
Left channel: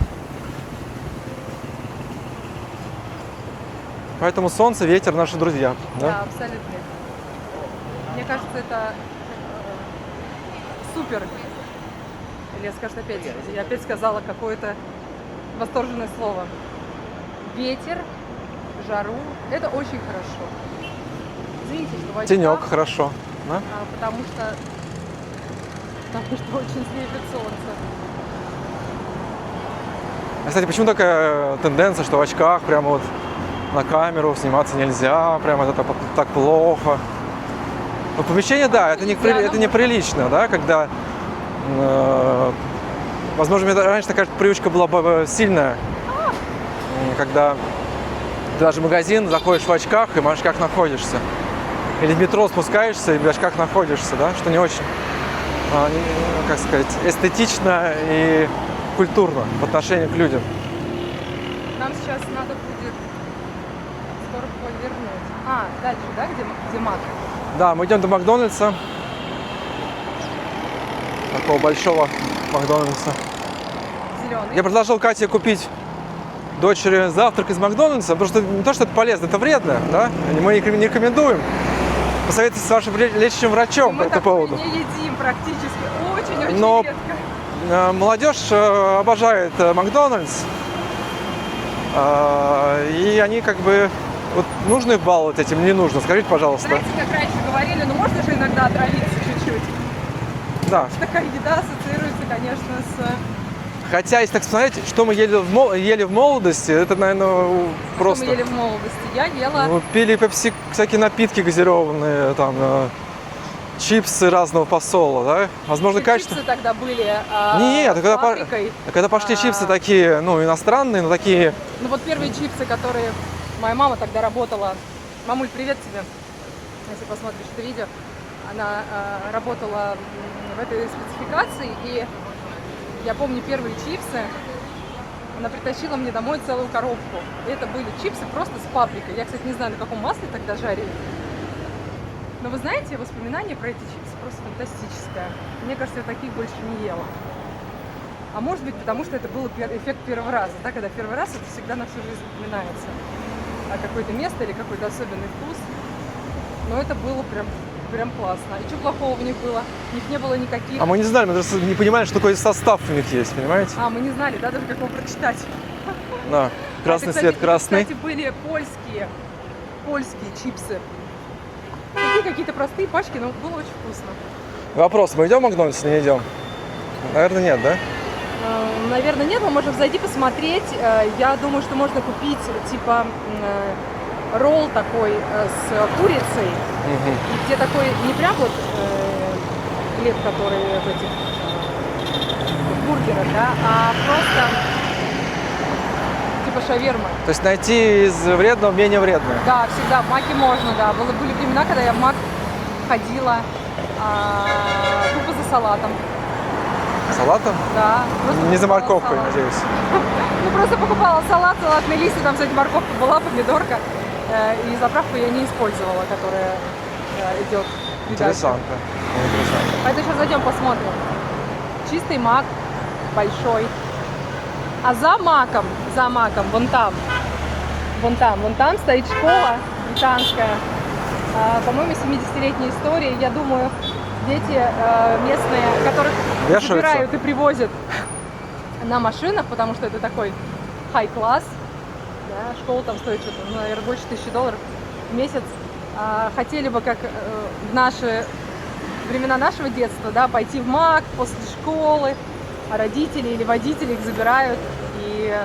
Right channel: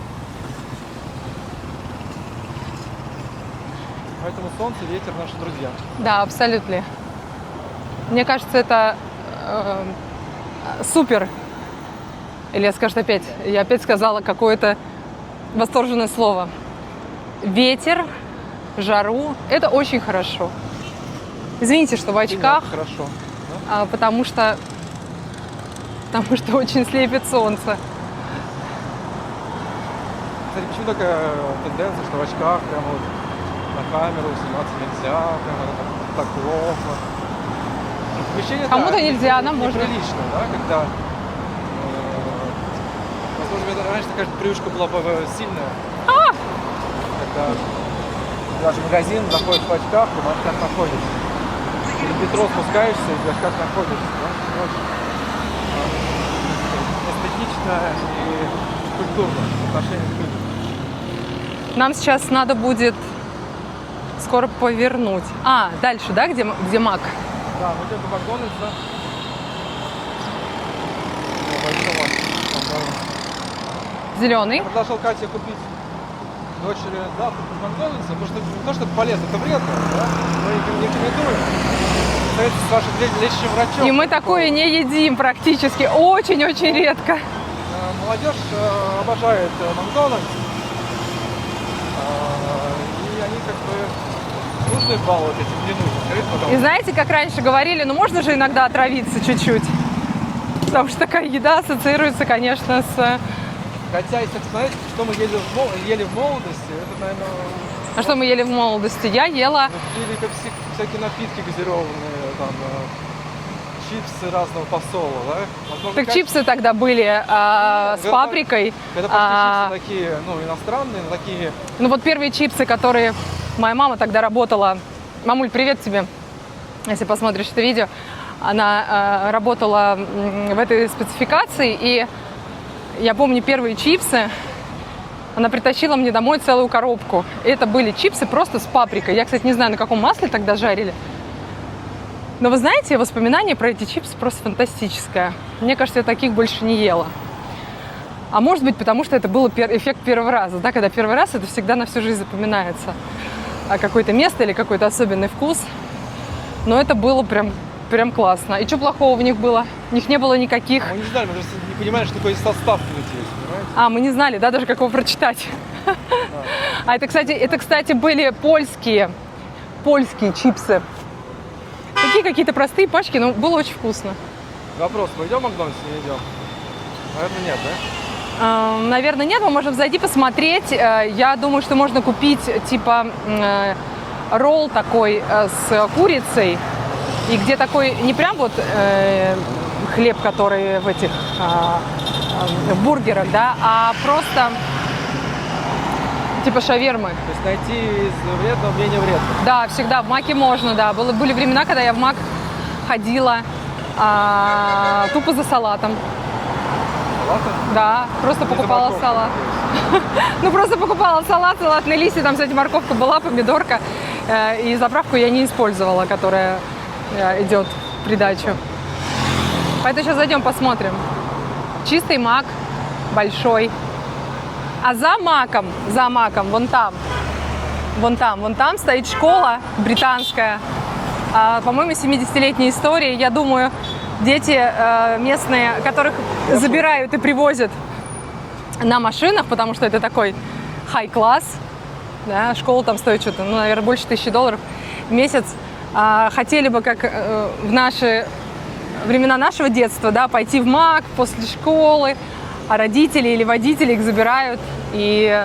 Поэтому солнце, ветер наши друзья. Да, абсолютно. Мне кажется, это супер. Или я опять сказала какое-то восторженное слово. Ветер, жару, это очень хорошо. Извините, что в очках, Тенек, хорошо. Да? потому что очень слепит солнце. Кстати, почему такая тенденция, что в очках прямо вот на камеру сниматься нельзя, прямо это так плохо? Ну, помещение, да, Кому-то нельзя, это нам неприлично, да, когда... возможно, у меня раньше такая привычка была сильная, когда ты даже в магазин заходишь в очках и в очках находишься. Или в метро спускаешься и в очках находишься, да, что не очень, как сказать, эстетично и культурно в отношении к людям. Нам сейчас надо будет скоро повернуть. Дальше, да, где Мак? Да, мы идем до Макдональдса. Такого большого Макдональдса. Зеленый. Я предложил Кате купить дочери завтрак из Макдональдса, потому что не то, что это полезно, это вредно, да? Мы не рекомендуем. Посоветуйтесь с вашим лечащим врачом. И мы по этому такое поводу. не едим практически, очень-очень Но- редко. Молодежь обожает Макдональдс. И они как бы... Вот нужно их баловать этим, не нужно? Скажите, пожалуйста. И знаете, как раньше говорили, ну можно же иногда отравиться чуть-чуть. Потому что такая еда ассоциируется, конечно, с... Хотя, если так смотреть, что мы ели в молодости, это, наверное, А что мы ели в молодости? Я ела... Пили пепси, всякие напитки газированные, там, чипсы разного посола, да? Возможно, Так чипсы тогда были Нет, с паприкой. Когда пошли чипсы такие, ну, иностранные, но такие... Ну вот первые чипсы, которые моя мама тогда работала. Мамуль, привет тебе, если посмотришь это видео. Она работала в этой спецификации, и я помню первые чипсы. Она притащила мне домой целую коробку. И это были чипсы просто с паприкой. Я, кстати, не знаю, на каком масле тогда жарили. Но вы знаете, воспоминание про эти чипсы просто фантастическое. Мне кажется, я таких больше не ела. А может быть, потому что это был эффект первого раза. Да? Когда первый раз, это всегда на всю жизнь запоминается. А какое-то место или какой-то особенный вкус. Но это было прям классно. И что плохого в них было? В них не было никаких... А мы не знали, мы просто не понимали, что такой состав у них есть, понимаете? Мы не знали, да, даже как его прочитать. Да. А это, Красный цвет, красный. кстати, были польские чипсы. Такие какие-то простые пачки, но было очень вкусно. Вопрос, мы идем в Макдональдс или не идем? Наверное, нет, да? Наверное, нет, мы можем зайти посмотреть. Я думаю, что можно купить типа ролл такой с курицей, и где такой не прям вот хлеб, который в этих бургерах, да, а просто типа шавермы. То есть найти из вредного менее вредное. Да, всегда в Маке можно, да. Были времена, когда я в Мак ходила тупо за салатом. Салатом? Да, просто Не за покупала морковкой, салат. надеюсь. Ну, просто покупала салат, салатные листья, там, кстати, морковка была, помидорка. И заправку я не использовала, которая идет в придачу. Интересно. Поэтому сейчас зайдем, посмотрим. Чистый Мак, большой. А за маком, вон там стоит школа британская. По-моему, 70-летняя история. Я думаю, дети местные, которых забирают и привозят на машинах, потому что это такой хай-класс. Да, школа там стоит что-то, ну, наверное, больше $1000 в месяц. Хотели бы, как в наши времена нашего детства, да, пойти в МАК после школы, а родители или водители их забирают, и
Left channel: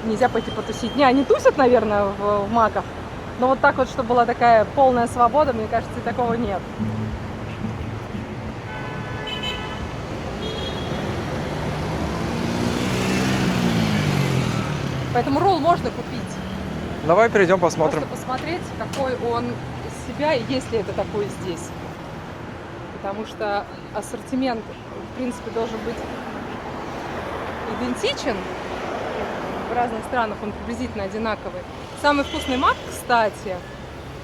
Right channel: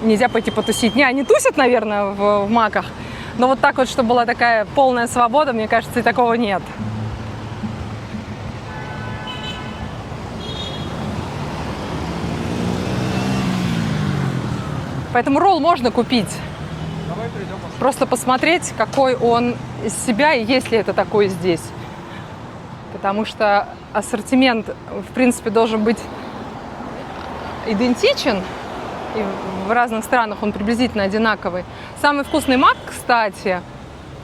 нельзя пойти потусить. Не, они тусят, наверное, в МАКах, но вот так вот, чтобы была такая полная свобода, мне кажется, и такого нет. Поэтому ролл можно купить. Давай перейдем, посмотрим. Просто посмотреть, какой он из себя, и есть ли это такой здесь. Потому что ассортимент, в принципе, должен быть идентичен. И в разных странах он приблизительно одинаковый. Самый вкусный мак, кстати,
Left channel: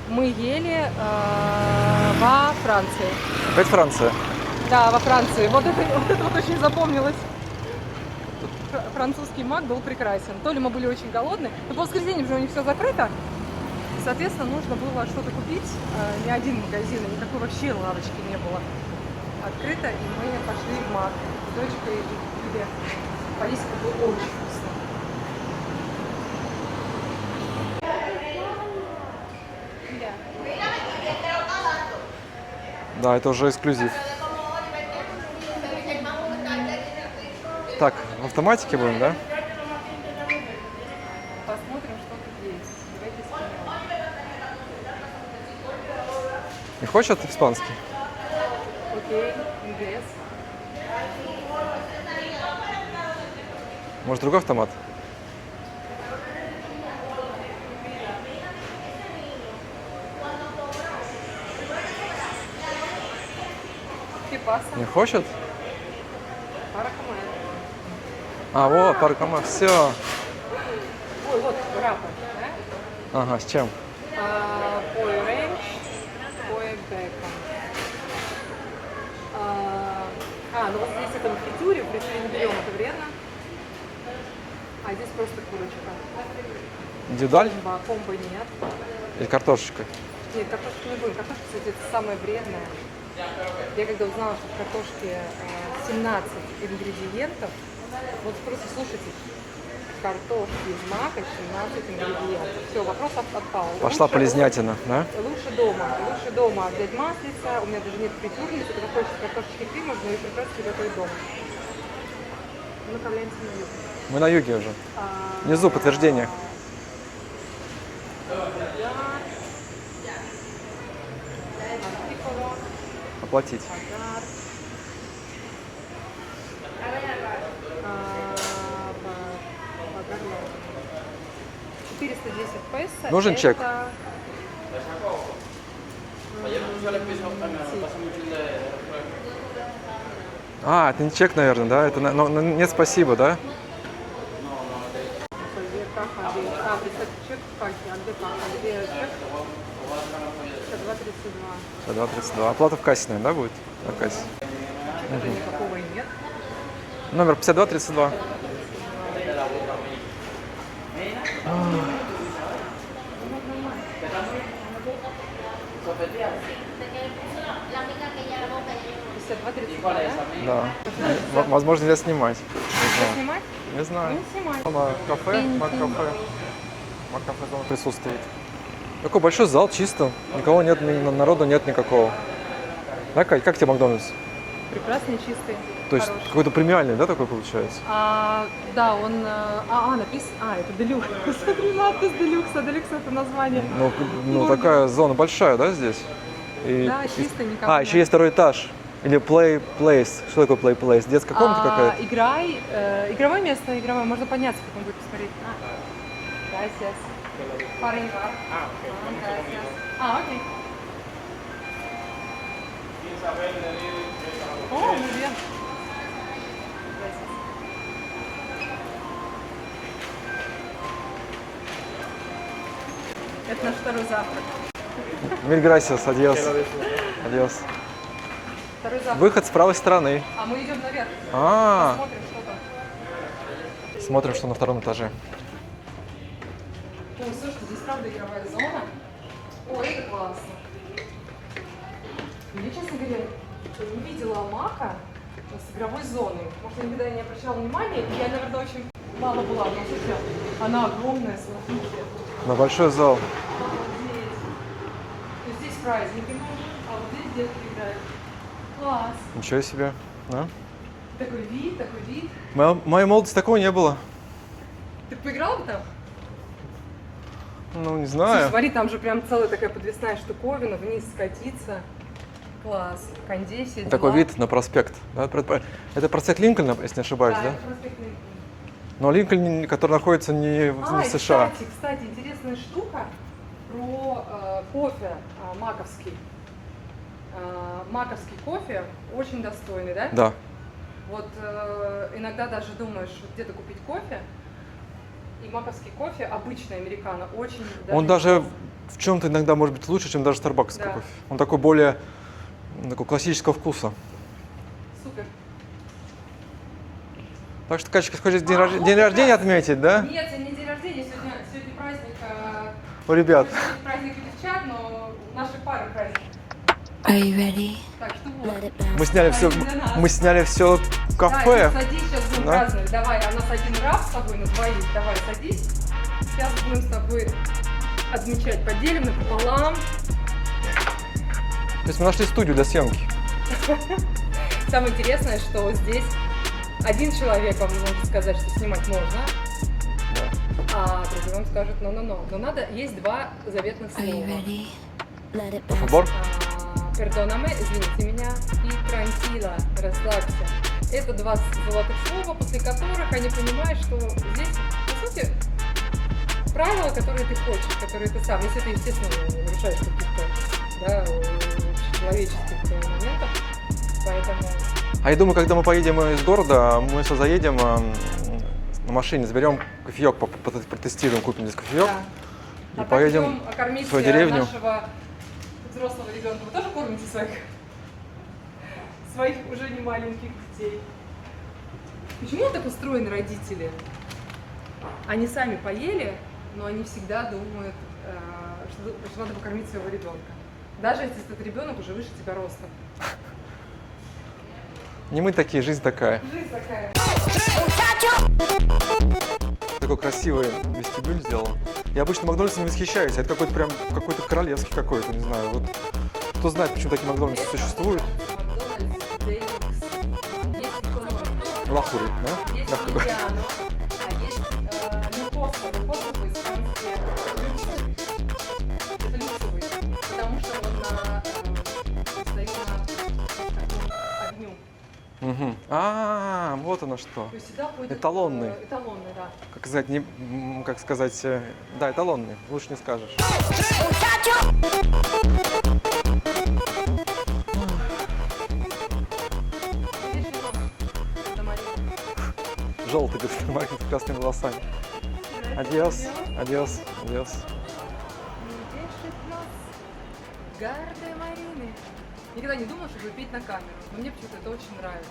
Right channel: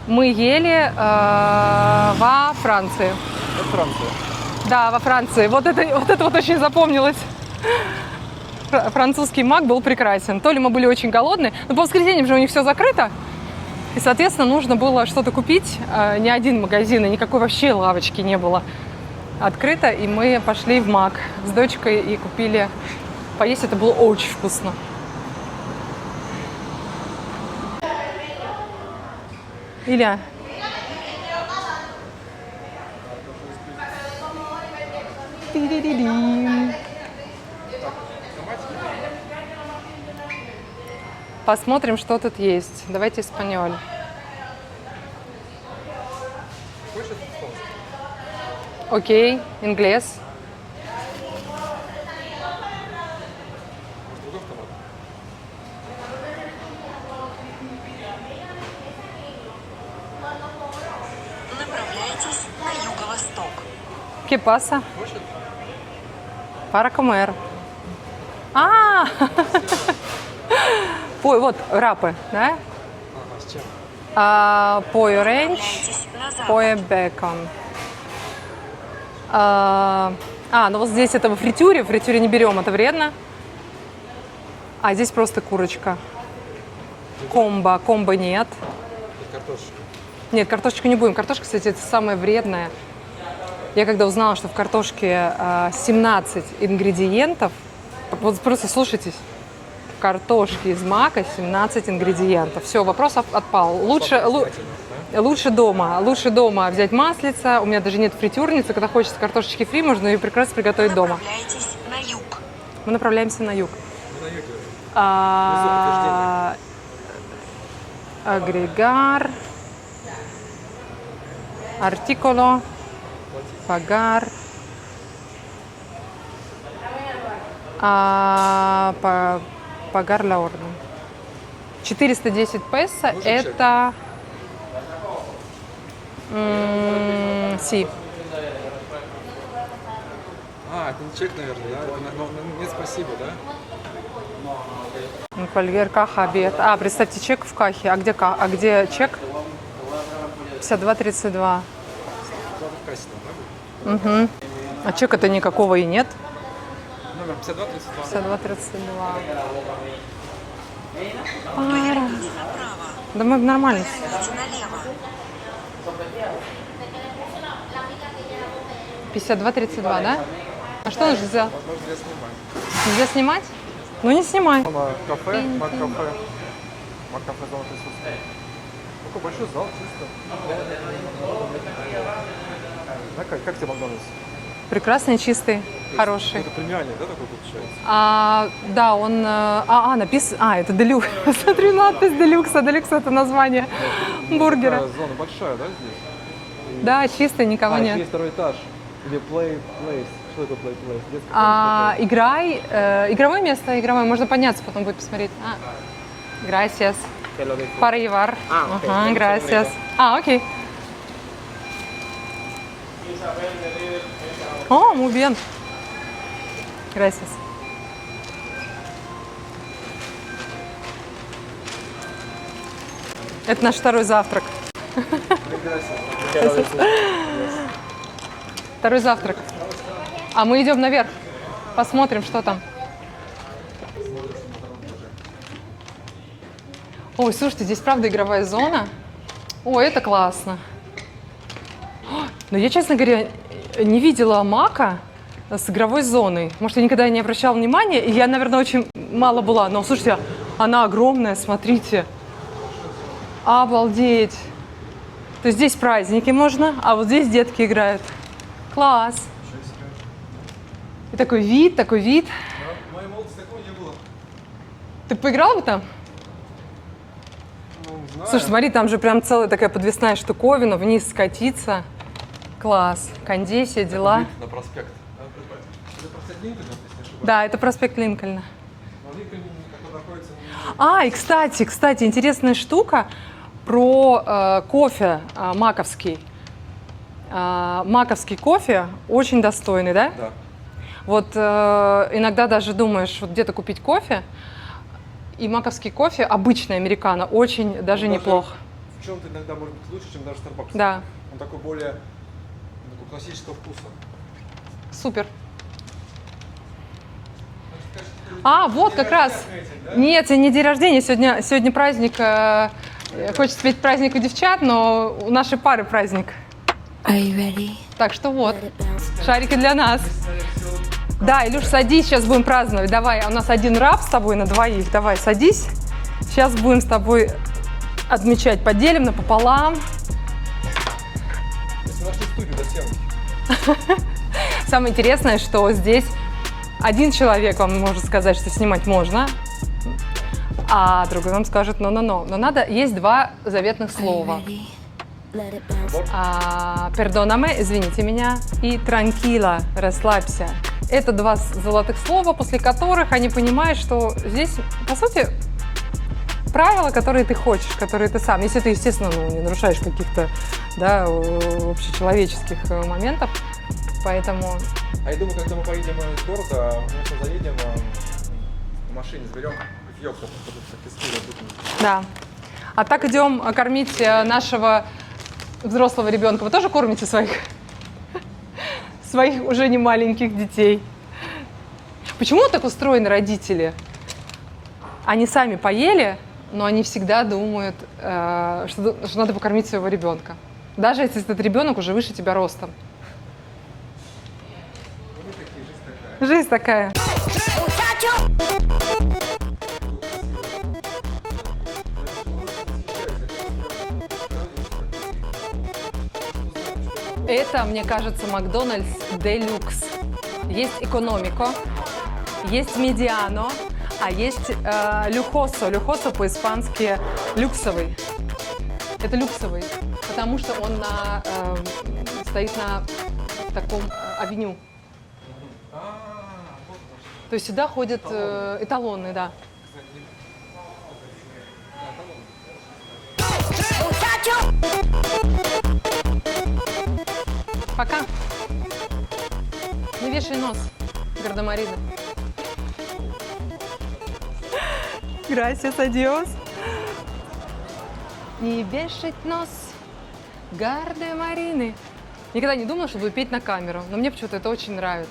мы ели во Франции. Опять Франция. Да, во Франции. Вот это очень запомнилось. Французский мак был прекрасен. То ли мы были очень голодные, но по воскресеньям же у них все закрыто. И, соответственно, нужно было что-то купить. Ни один магазин, и никакой вообще лавочки не было открыто. И мы пошли в Мак с дочкой и купили поесть. Это было очень вкусно. Илья, Да, это уже эксклюзив. Так, в автоматике будем, да? посмотрим, что тут есть. Давайте испаньоль. Не хочешь испанский? Окей, инглес. Может, другой автомат? ¿Qué pasa? Не хочет? Para comer. Вот, паркомат, все. Ой, вот, рапы, да? Ага, с чем? Pollo ranch, pollo bacon. Ну вот здесь это в фритюре не берем, это вредно. А здесь просто курочка. Индивидуально? Комбо нет. Или картошечка? Нет, картошечку не будем. Картошка, кстати, это самое вредное. Я когда узнала, что в картошке 17 ингредиентов, вот просто слушайтесь, в картошке из мака 17 ингредиентов. Все, вопрос отпал. Пошла полезнятина, да? Лучше дома взять маслица. У меня даже нет фритюрницы. Когда хочется картошечки фри, можно ее прекрасно приготовить дома. Мы направляемся на юг. Мы на юге уже. Внизу подтверждение. Агрегар. Артиколо. Оплатить. Пагар. Пагар ла орден. 410 песо. Нужен это... чек? Си. Это не чек, наверное, да? Это, нет, спасибо, да? Фольгер, каха, обед. Представьте, чек в кахе. А где чек? 52,32. 52. Оплата в кассе, наверное, да, будет? В кассе. А чека-то никакого и нет. Номер 5232. 52,32. Да мы нормально. — 52,32, да? Да. А что нужно за... Возможно, нельзя снимать. Нельзя снимать? Не знаю. Ну не снимай. Кафе, Мак-кафе. Мак-кафе дома присутствует. Такой большой зал, чисто. Никого нет, народу нет никакого. Да, Кать, как тебе Макдональдс? Прекрасный, чистый, То есть хороший. какой-то премиальный, да, такой получается? Да, он... написано... это делюкс. Смотри, надпись делюкс. Делюкс — это название бургера. Такая зона большая, да, здесь? Да, чистый, никого нет. Еще есть второй этаж. Или play place. Что такое play place? Детская комната какая-то? Игровое место, игровое. Можно подняться, потом будет посмотреть. Gracias. Паривар. Ага, gracias. Окей. Muy bien. Gracias. Это наш второй завтрак. Mil gracias, adiós. Adiós. Второй завтрак. Выход с правой стороны. А мы идем наверх. Посмотрим, что там. Смотрим, что на втором этаже. Ой, слушайте, здесь правда игровая зона. Ой, это классно. Но я, честно говоря, не видела Мака с игровой зоной. Может, я никогда не обращала внимания, и я, наверное, очень мало была. Но, слушайте, она огромная, смотрите. На большой зал. Обалдеть. То есть здесь праздники можно, а вот здесь детки играют. Класс. Ничего себе. Да? И такой вид, такой вид. В моей молодости такого не было. Ты поиграл бы там? Ну, не знаю. Слушай, смотри, там же прям целая такая подвесная штуковина, вниз скатиться. Класс. Кондей, все дела. Такой вид на проспект. Да, это проспект Линкольна, если не ошибаюсь, Да, да? это проспект Линкольна. Но Линкольн, который находится не в И США. кстати, интересная штука про кофе маковский. Маковский кофе очень достойный, да? Да. Вот иногда даже думаешь, вот где-то купить кофе, и маковский кофе, обычный американо, очень даже Он неплох. даже в чем-то иногда может быть лучше, чем даже Starbucks. Да. кофе. Он такой более такого классического вкуса. Супер. Так что, Катечка, хочешь вот день как рождения раз. отметить, да? Нет, сегодня не день рождения, сегодня праздник. У ребят. Хочется отметить праздник у девчат, но у нашей пары праздник. Are you ready? Так что вот. Let it bounce. Мы сняли Шарики все, для нас. Мы сняли все в кафе. Да, Илюш, садись, сейчас будем праздновать. Давай, у нас один раф с тобой на двоих. Давай, садись. Сейчас будем с тобой отмечать. Поделим напополам. То есть мы нашли студию для съемки. Самое интересное, что здесь один человек вам может сказать, что снимать можно, а другой вам скажет «но-но-но». Но надо, есть два заветных Are you слова. ready? Let it bounce. Набор. «Пердонаме», извините меня, и «транкила», расслабься. Это два золотых слова, после которых они понимают, что здесь, по сути, правила, которые ты хочешь, которые ты сам. Если ты, естественно, не нарушаешь каких-то общечеловеческих моментов. Поэтому... А я думаю, когда мы поедем из города, мы все заедем на машине, заберем кофеек, протестируем, купим здесь кофеек. Да. А так поедем идем кормить в свою деревню. нашего взрослого ребенка. Вы тоже кормите своих уже не маленьких детей? Почему так устроены родители? Они сами поели, но они всегда думают, что надо покормить своего ребенка. Даже если этот ребенок уже выше тебя ростом. Не мы такие, жизнь такая. Жизнь такая. Такой красивый вестибюль сделал. Я обычно Макдональдсом не восхищаюсь, это какой-то прям какой-то королевский какой-то, не знаю. Вот. Кто знает, почему такие Макдональдсы Это, мне существуют? кажется, Макдональдс Делюкс. Есть экономико, Плохой, да? есть медиано, а есть люкосо. Люкосо по-испански люксовый. Это люксовый, потому что он стоит на таком авеню. Мгм. Вот оно что. То есть сюда ходят Эталонный. эталонные, да. Как сказать, как сказать, да, эталонный, лучше не скажешь. Пока. Не вешай нос, Гардемарина. Желтый, без красными волосами. Gracias, Адиос. Адиос. Не вешать нос, Гардемарины. Никогда не думала, что буду петь на камеру, но мне почему-то это очень нравится.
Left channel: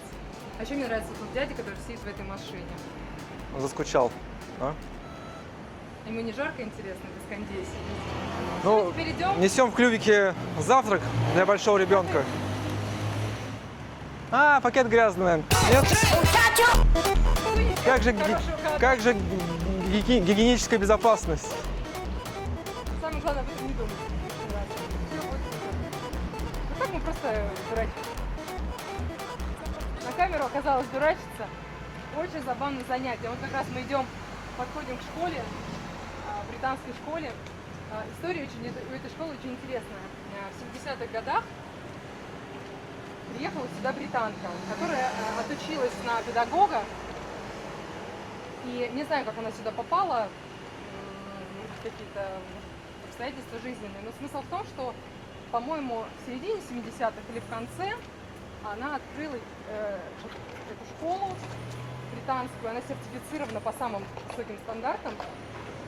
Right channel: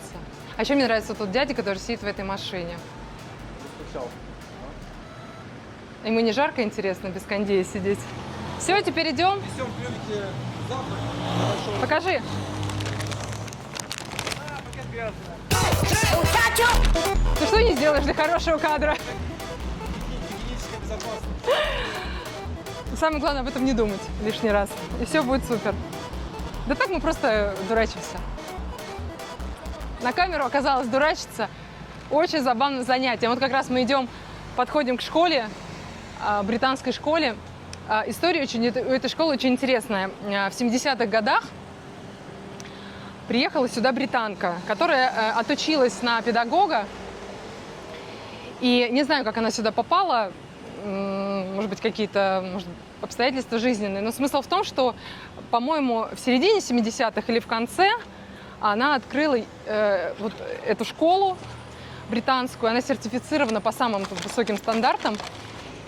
А еще мне нравится тот дядя, который сидит в этой машине. Заскучал. Ему не жарко, интересно, без кондея сидеть? Все, Ну, теперь идем. Несем в клювике завтрак для большого Покажи. ребенка. Пакет грязный, наверное. Ты что не сделаешь для хорошего кадра? Как же гигиеническая безопасность? Самое главное об этом не думать лишний раз, и все будет супер. Да так мы просто дурачимся. На камеру оказалось дурачиться. Очень забавное занятие. Вот как раз мы идем, подходим к школе, британской школе. История у этой школы очень интересная. В 70-х годах приехала сюда британка, которая отучилась на педагога. И не знаю, как она сюда попала, может быть, какие-то обстоятельства жизненные. Но смысл в том, что, по-моему, в середине 70-х или в конце она открыла вот эту школу британскую. Она сертифицирована по самым высоким стандартам.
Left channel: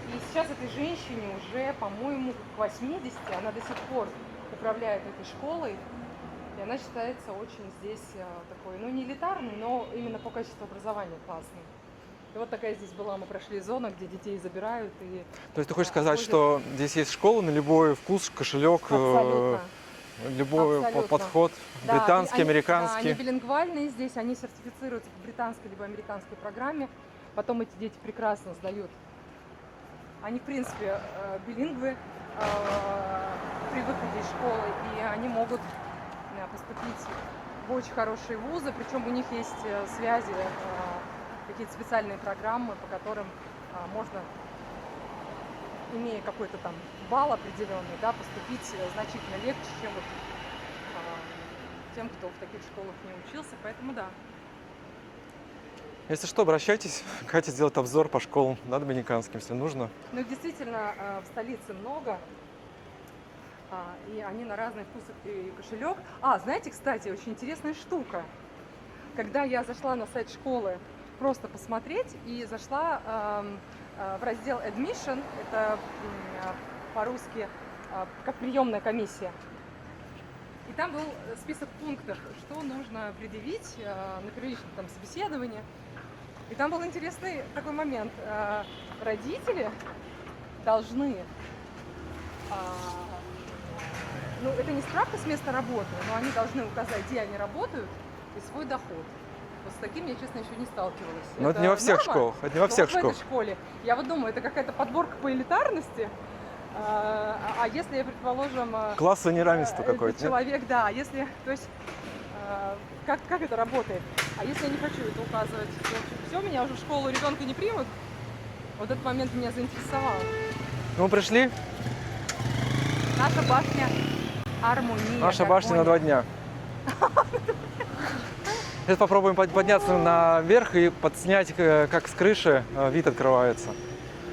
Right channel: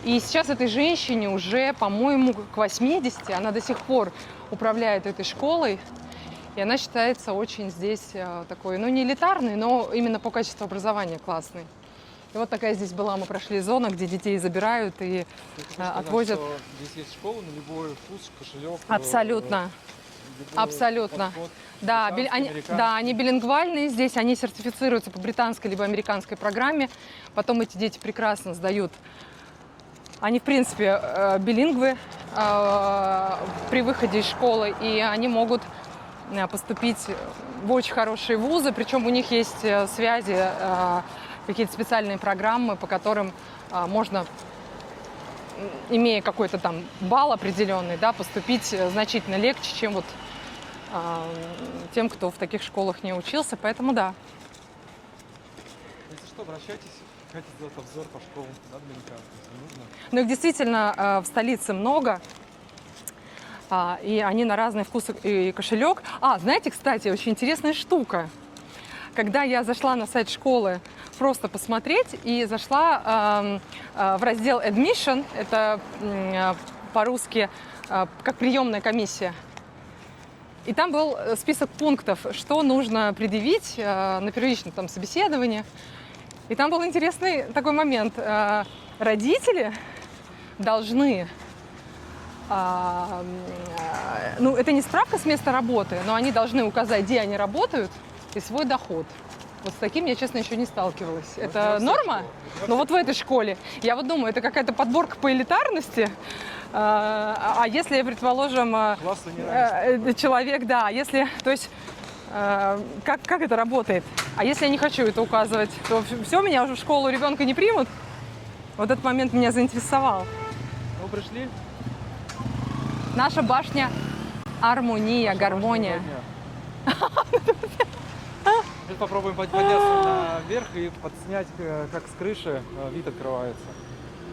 И сейчас этой женщине уже, по-моему, к 80, она до сих пор управляет этой школой. И она считается очень здесь такой, ну, не элитарной, но именно по качеству образования классной. И вот такая здесь была, мы прошли зона, где детей забирают и То есть ты хочешь сказать, отвозят. что здесь есть школа на любой вкус, кошелек, Абсолютно. любой Абсолютно. подход, Да, британский, они, американский. да, они билингвальные здесь, они сертифицируются по британской либо американской программе. Потом эти дети прекрасно сдают. Они, в принципе, билингвы при выходе из школы, и они могут поступить в очень хорошие вузы. Причем у них есть связи, какие-то специальные программы, по которым можно, имея какой-то там балл определенный, да, поступить значительно легче, чем вот тем, кто в таких школах не учился. Поэтому да. Если что, обращайтесь, хотите сделать обзор по школам, да, доминиканским, если нужно. Но их действительно в столице много, и они на разный вкус и кошелек. Знаете, кстати, очень интересная штука. Когда я зашла на сайт школы просто посмотреть и зашла в раздел Admission, это по-русски как приемная комиссия, и там был список пунктов, что нужно предъявить на первичном там собеседовании. И там был интересный такой момент. Родители должны, ну, это не справка с места работы, но они должны указать, где они работают, и свой доход. Вот с таким я, честно, еще не сталкивалась. Но это не во всех норма? школах, это не во Ну, всех вот в этой школах. школе. Я вот думаю, это какая-то подборка по элитарности. А если, предположим, Классовое неравенство какое-то. человек, да, если, то есть, как это работает? А если я не хочу это указывать, то все, меня уже в школу ребенка не примут? Вот этот момент меня заинтересовал. Мы пришли, Наша башня Армония, наша башня на 2 гармония. дня. Сейчас попробуем подняться наверх и подснять, как с крыши вид открывается.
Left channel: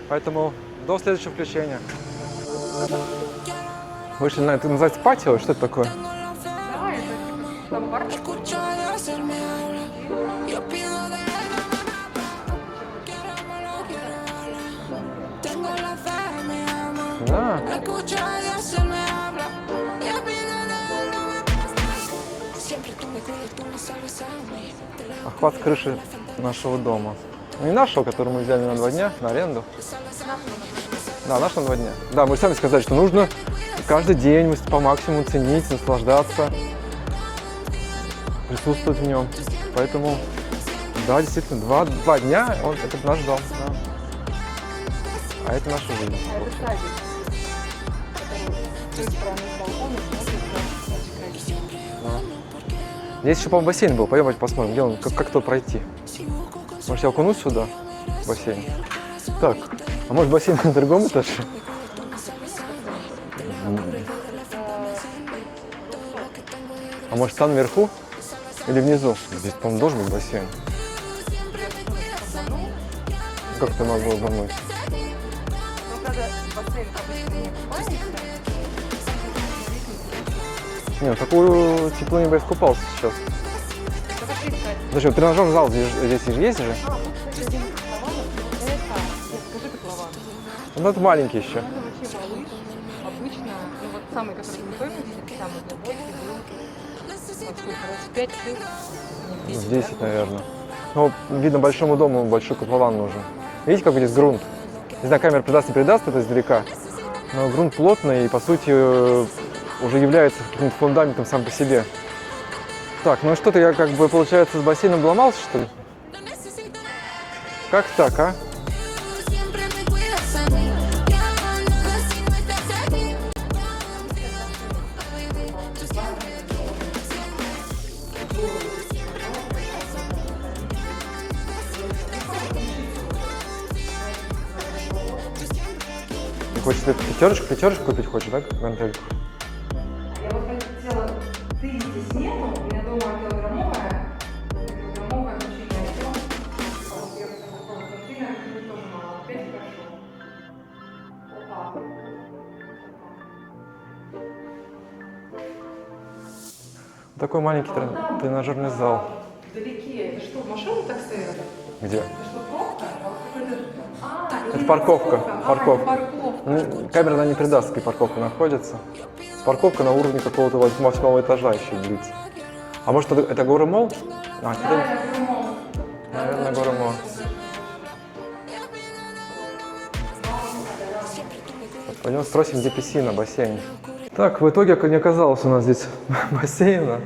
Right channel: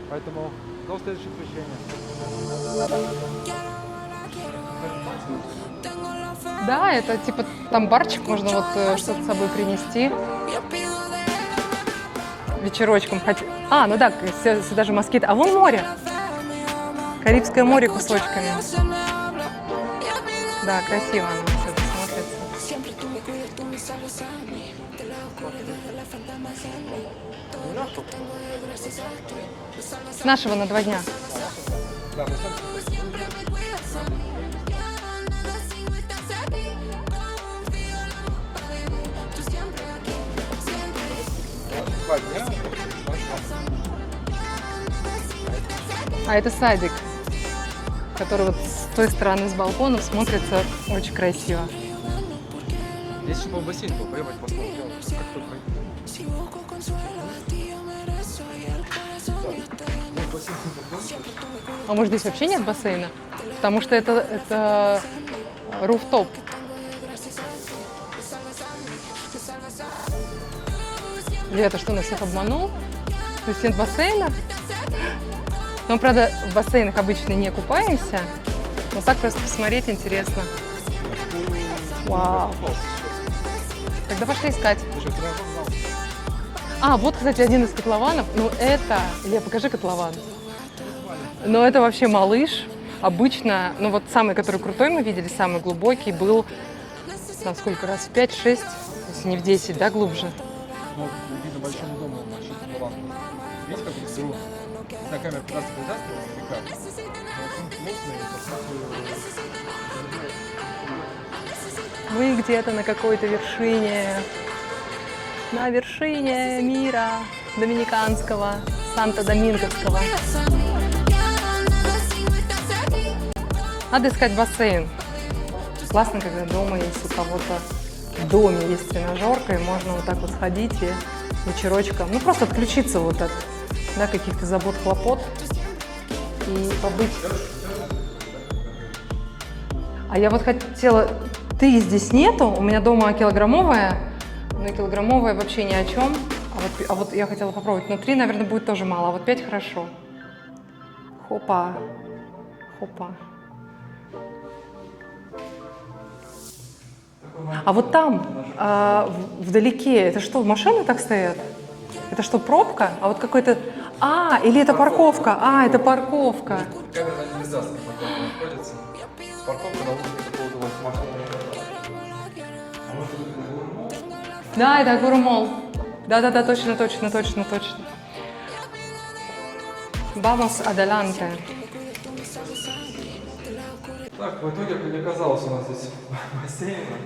Поэтому до следующего включения. Вышли на это, называется патио, что это такое? Да, это типа там барчик, можно вот что-то с собой принести. Вечерочком хоть. Ну да, сюда же москит. А вон море. Карибское море кусочками. Да, красиво. Охват крыши нашего дома. Не нашего, который мы взяли на 2 дня, на аренду. С нашего на 2 дня. Да, нашего на 2 дня. Да, мы сами сказали, что нужно каждый день по максимуму ценить, наслаждаться, присутствовать в нем. Поэтому, да, действительно, 2 дня это наш зал. Да. А это наша жизнь. А это садик, который вот с той стороны с балкона смотрится очень красиво. Здесь еще, по-моему, бассейн был. Пойдем посмотрим, где он, как то пройти. Может, я окунусь сюда, в бассейн? Так, а может бассейн на другом этаже? А может здесь вообще нет бассейна? Потому что это руфтоп. А может там наверху или внизу? Здесь, по-моему, должен быть бассейн. Ребята, что, нас всех обманул? То есть нет Как-то надо бассейна? обмануть. Мы, правда, в бассейнах обычно не купаемся, но так просто посмотреть интересно. Нет, такую тепло не искупался сейчас. Тогда пошли искать. Зачем? Тренажерный зал здесь же есть же? А, вот, кстати, один из котлованов. Ну, это... Покажи котлован. Ну, это маленький еще. Ну, это вообще малыш. Обычно, ну, вот самый, который крутой мы видели, самый глубокий, был, там, сколько раз, 5-6, если не в 10, Здесь, да, глубже? наверное. Ну, видно, большому дому большой котлован нужен. Видите, какой здесь грунт? Не знаю, камера передаст это издалека, но грунт плотный и, по сути, уже является фундаментом сам по себе. Мы где-то на какой-то Так, ну что-то я, как бы, вершине. получается, с бассейном обломался, что На ли? вершине мира Как так, а? доминиканского, Санто-Доминговского. Надо искать бассейн. Классно, когда дома есть у кого-то в доме есть тренажерка, и можно вот так вот ходить и вечерочком, ну просто отключиться вот от каких-то забот, хлопот. И Хочешь побыть. пятерочку купить хочешь, да, гантельку? А я вот хотела, ты здесь нету, у меня дома килограммовая, но килограммовая вообще ни о чем. А вот я хотела попробовать, но 3, наверное, будет тоже мало, а вот 5 хорошо. Хопа, хопа. Такой маленький А вот там, тренажерный зал. вдалеке, это что, машины так стоят? Где? Это что, пробка? А вот какой-то... или это парковка? Это парковка. Ну, камера она не передаст, где парковка находится. Парковка на уровне какого-то 8-го этажа еще длится. А может, это Агора Молл? Да, это Агора Молл. Да-да-да, Агора точно, Молл. точно. Vamos adelante. Пойдем спросим, где писина, бассейн. Так, в итоге не оказалось у нас здесь бассейна.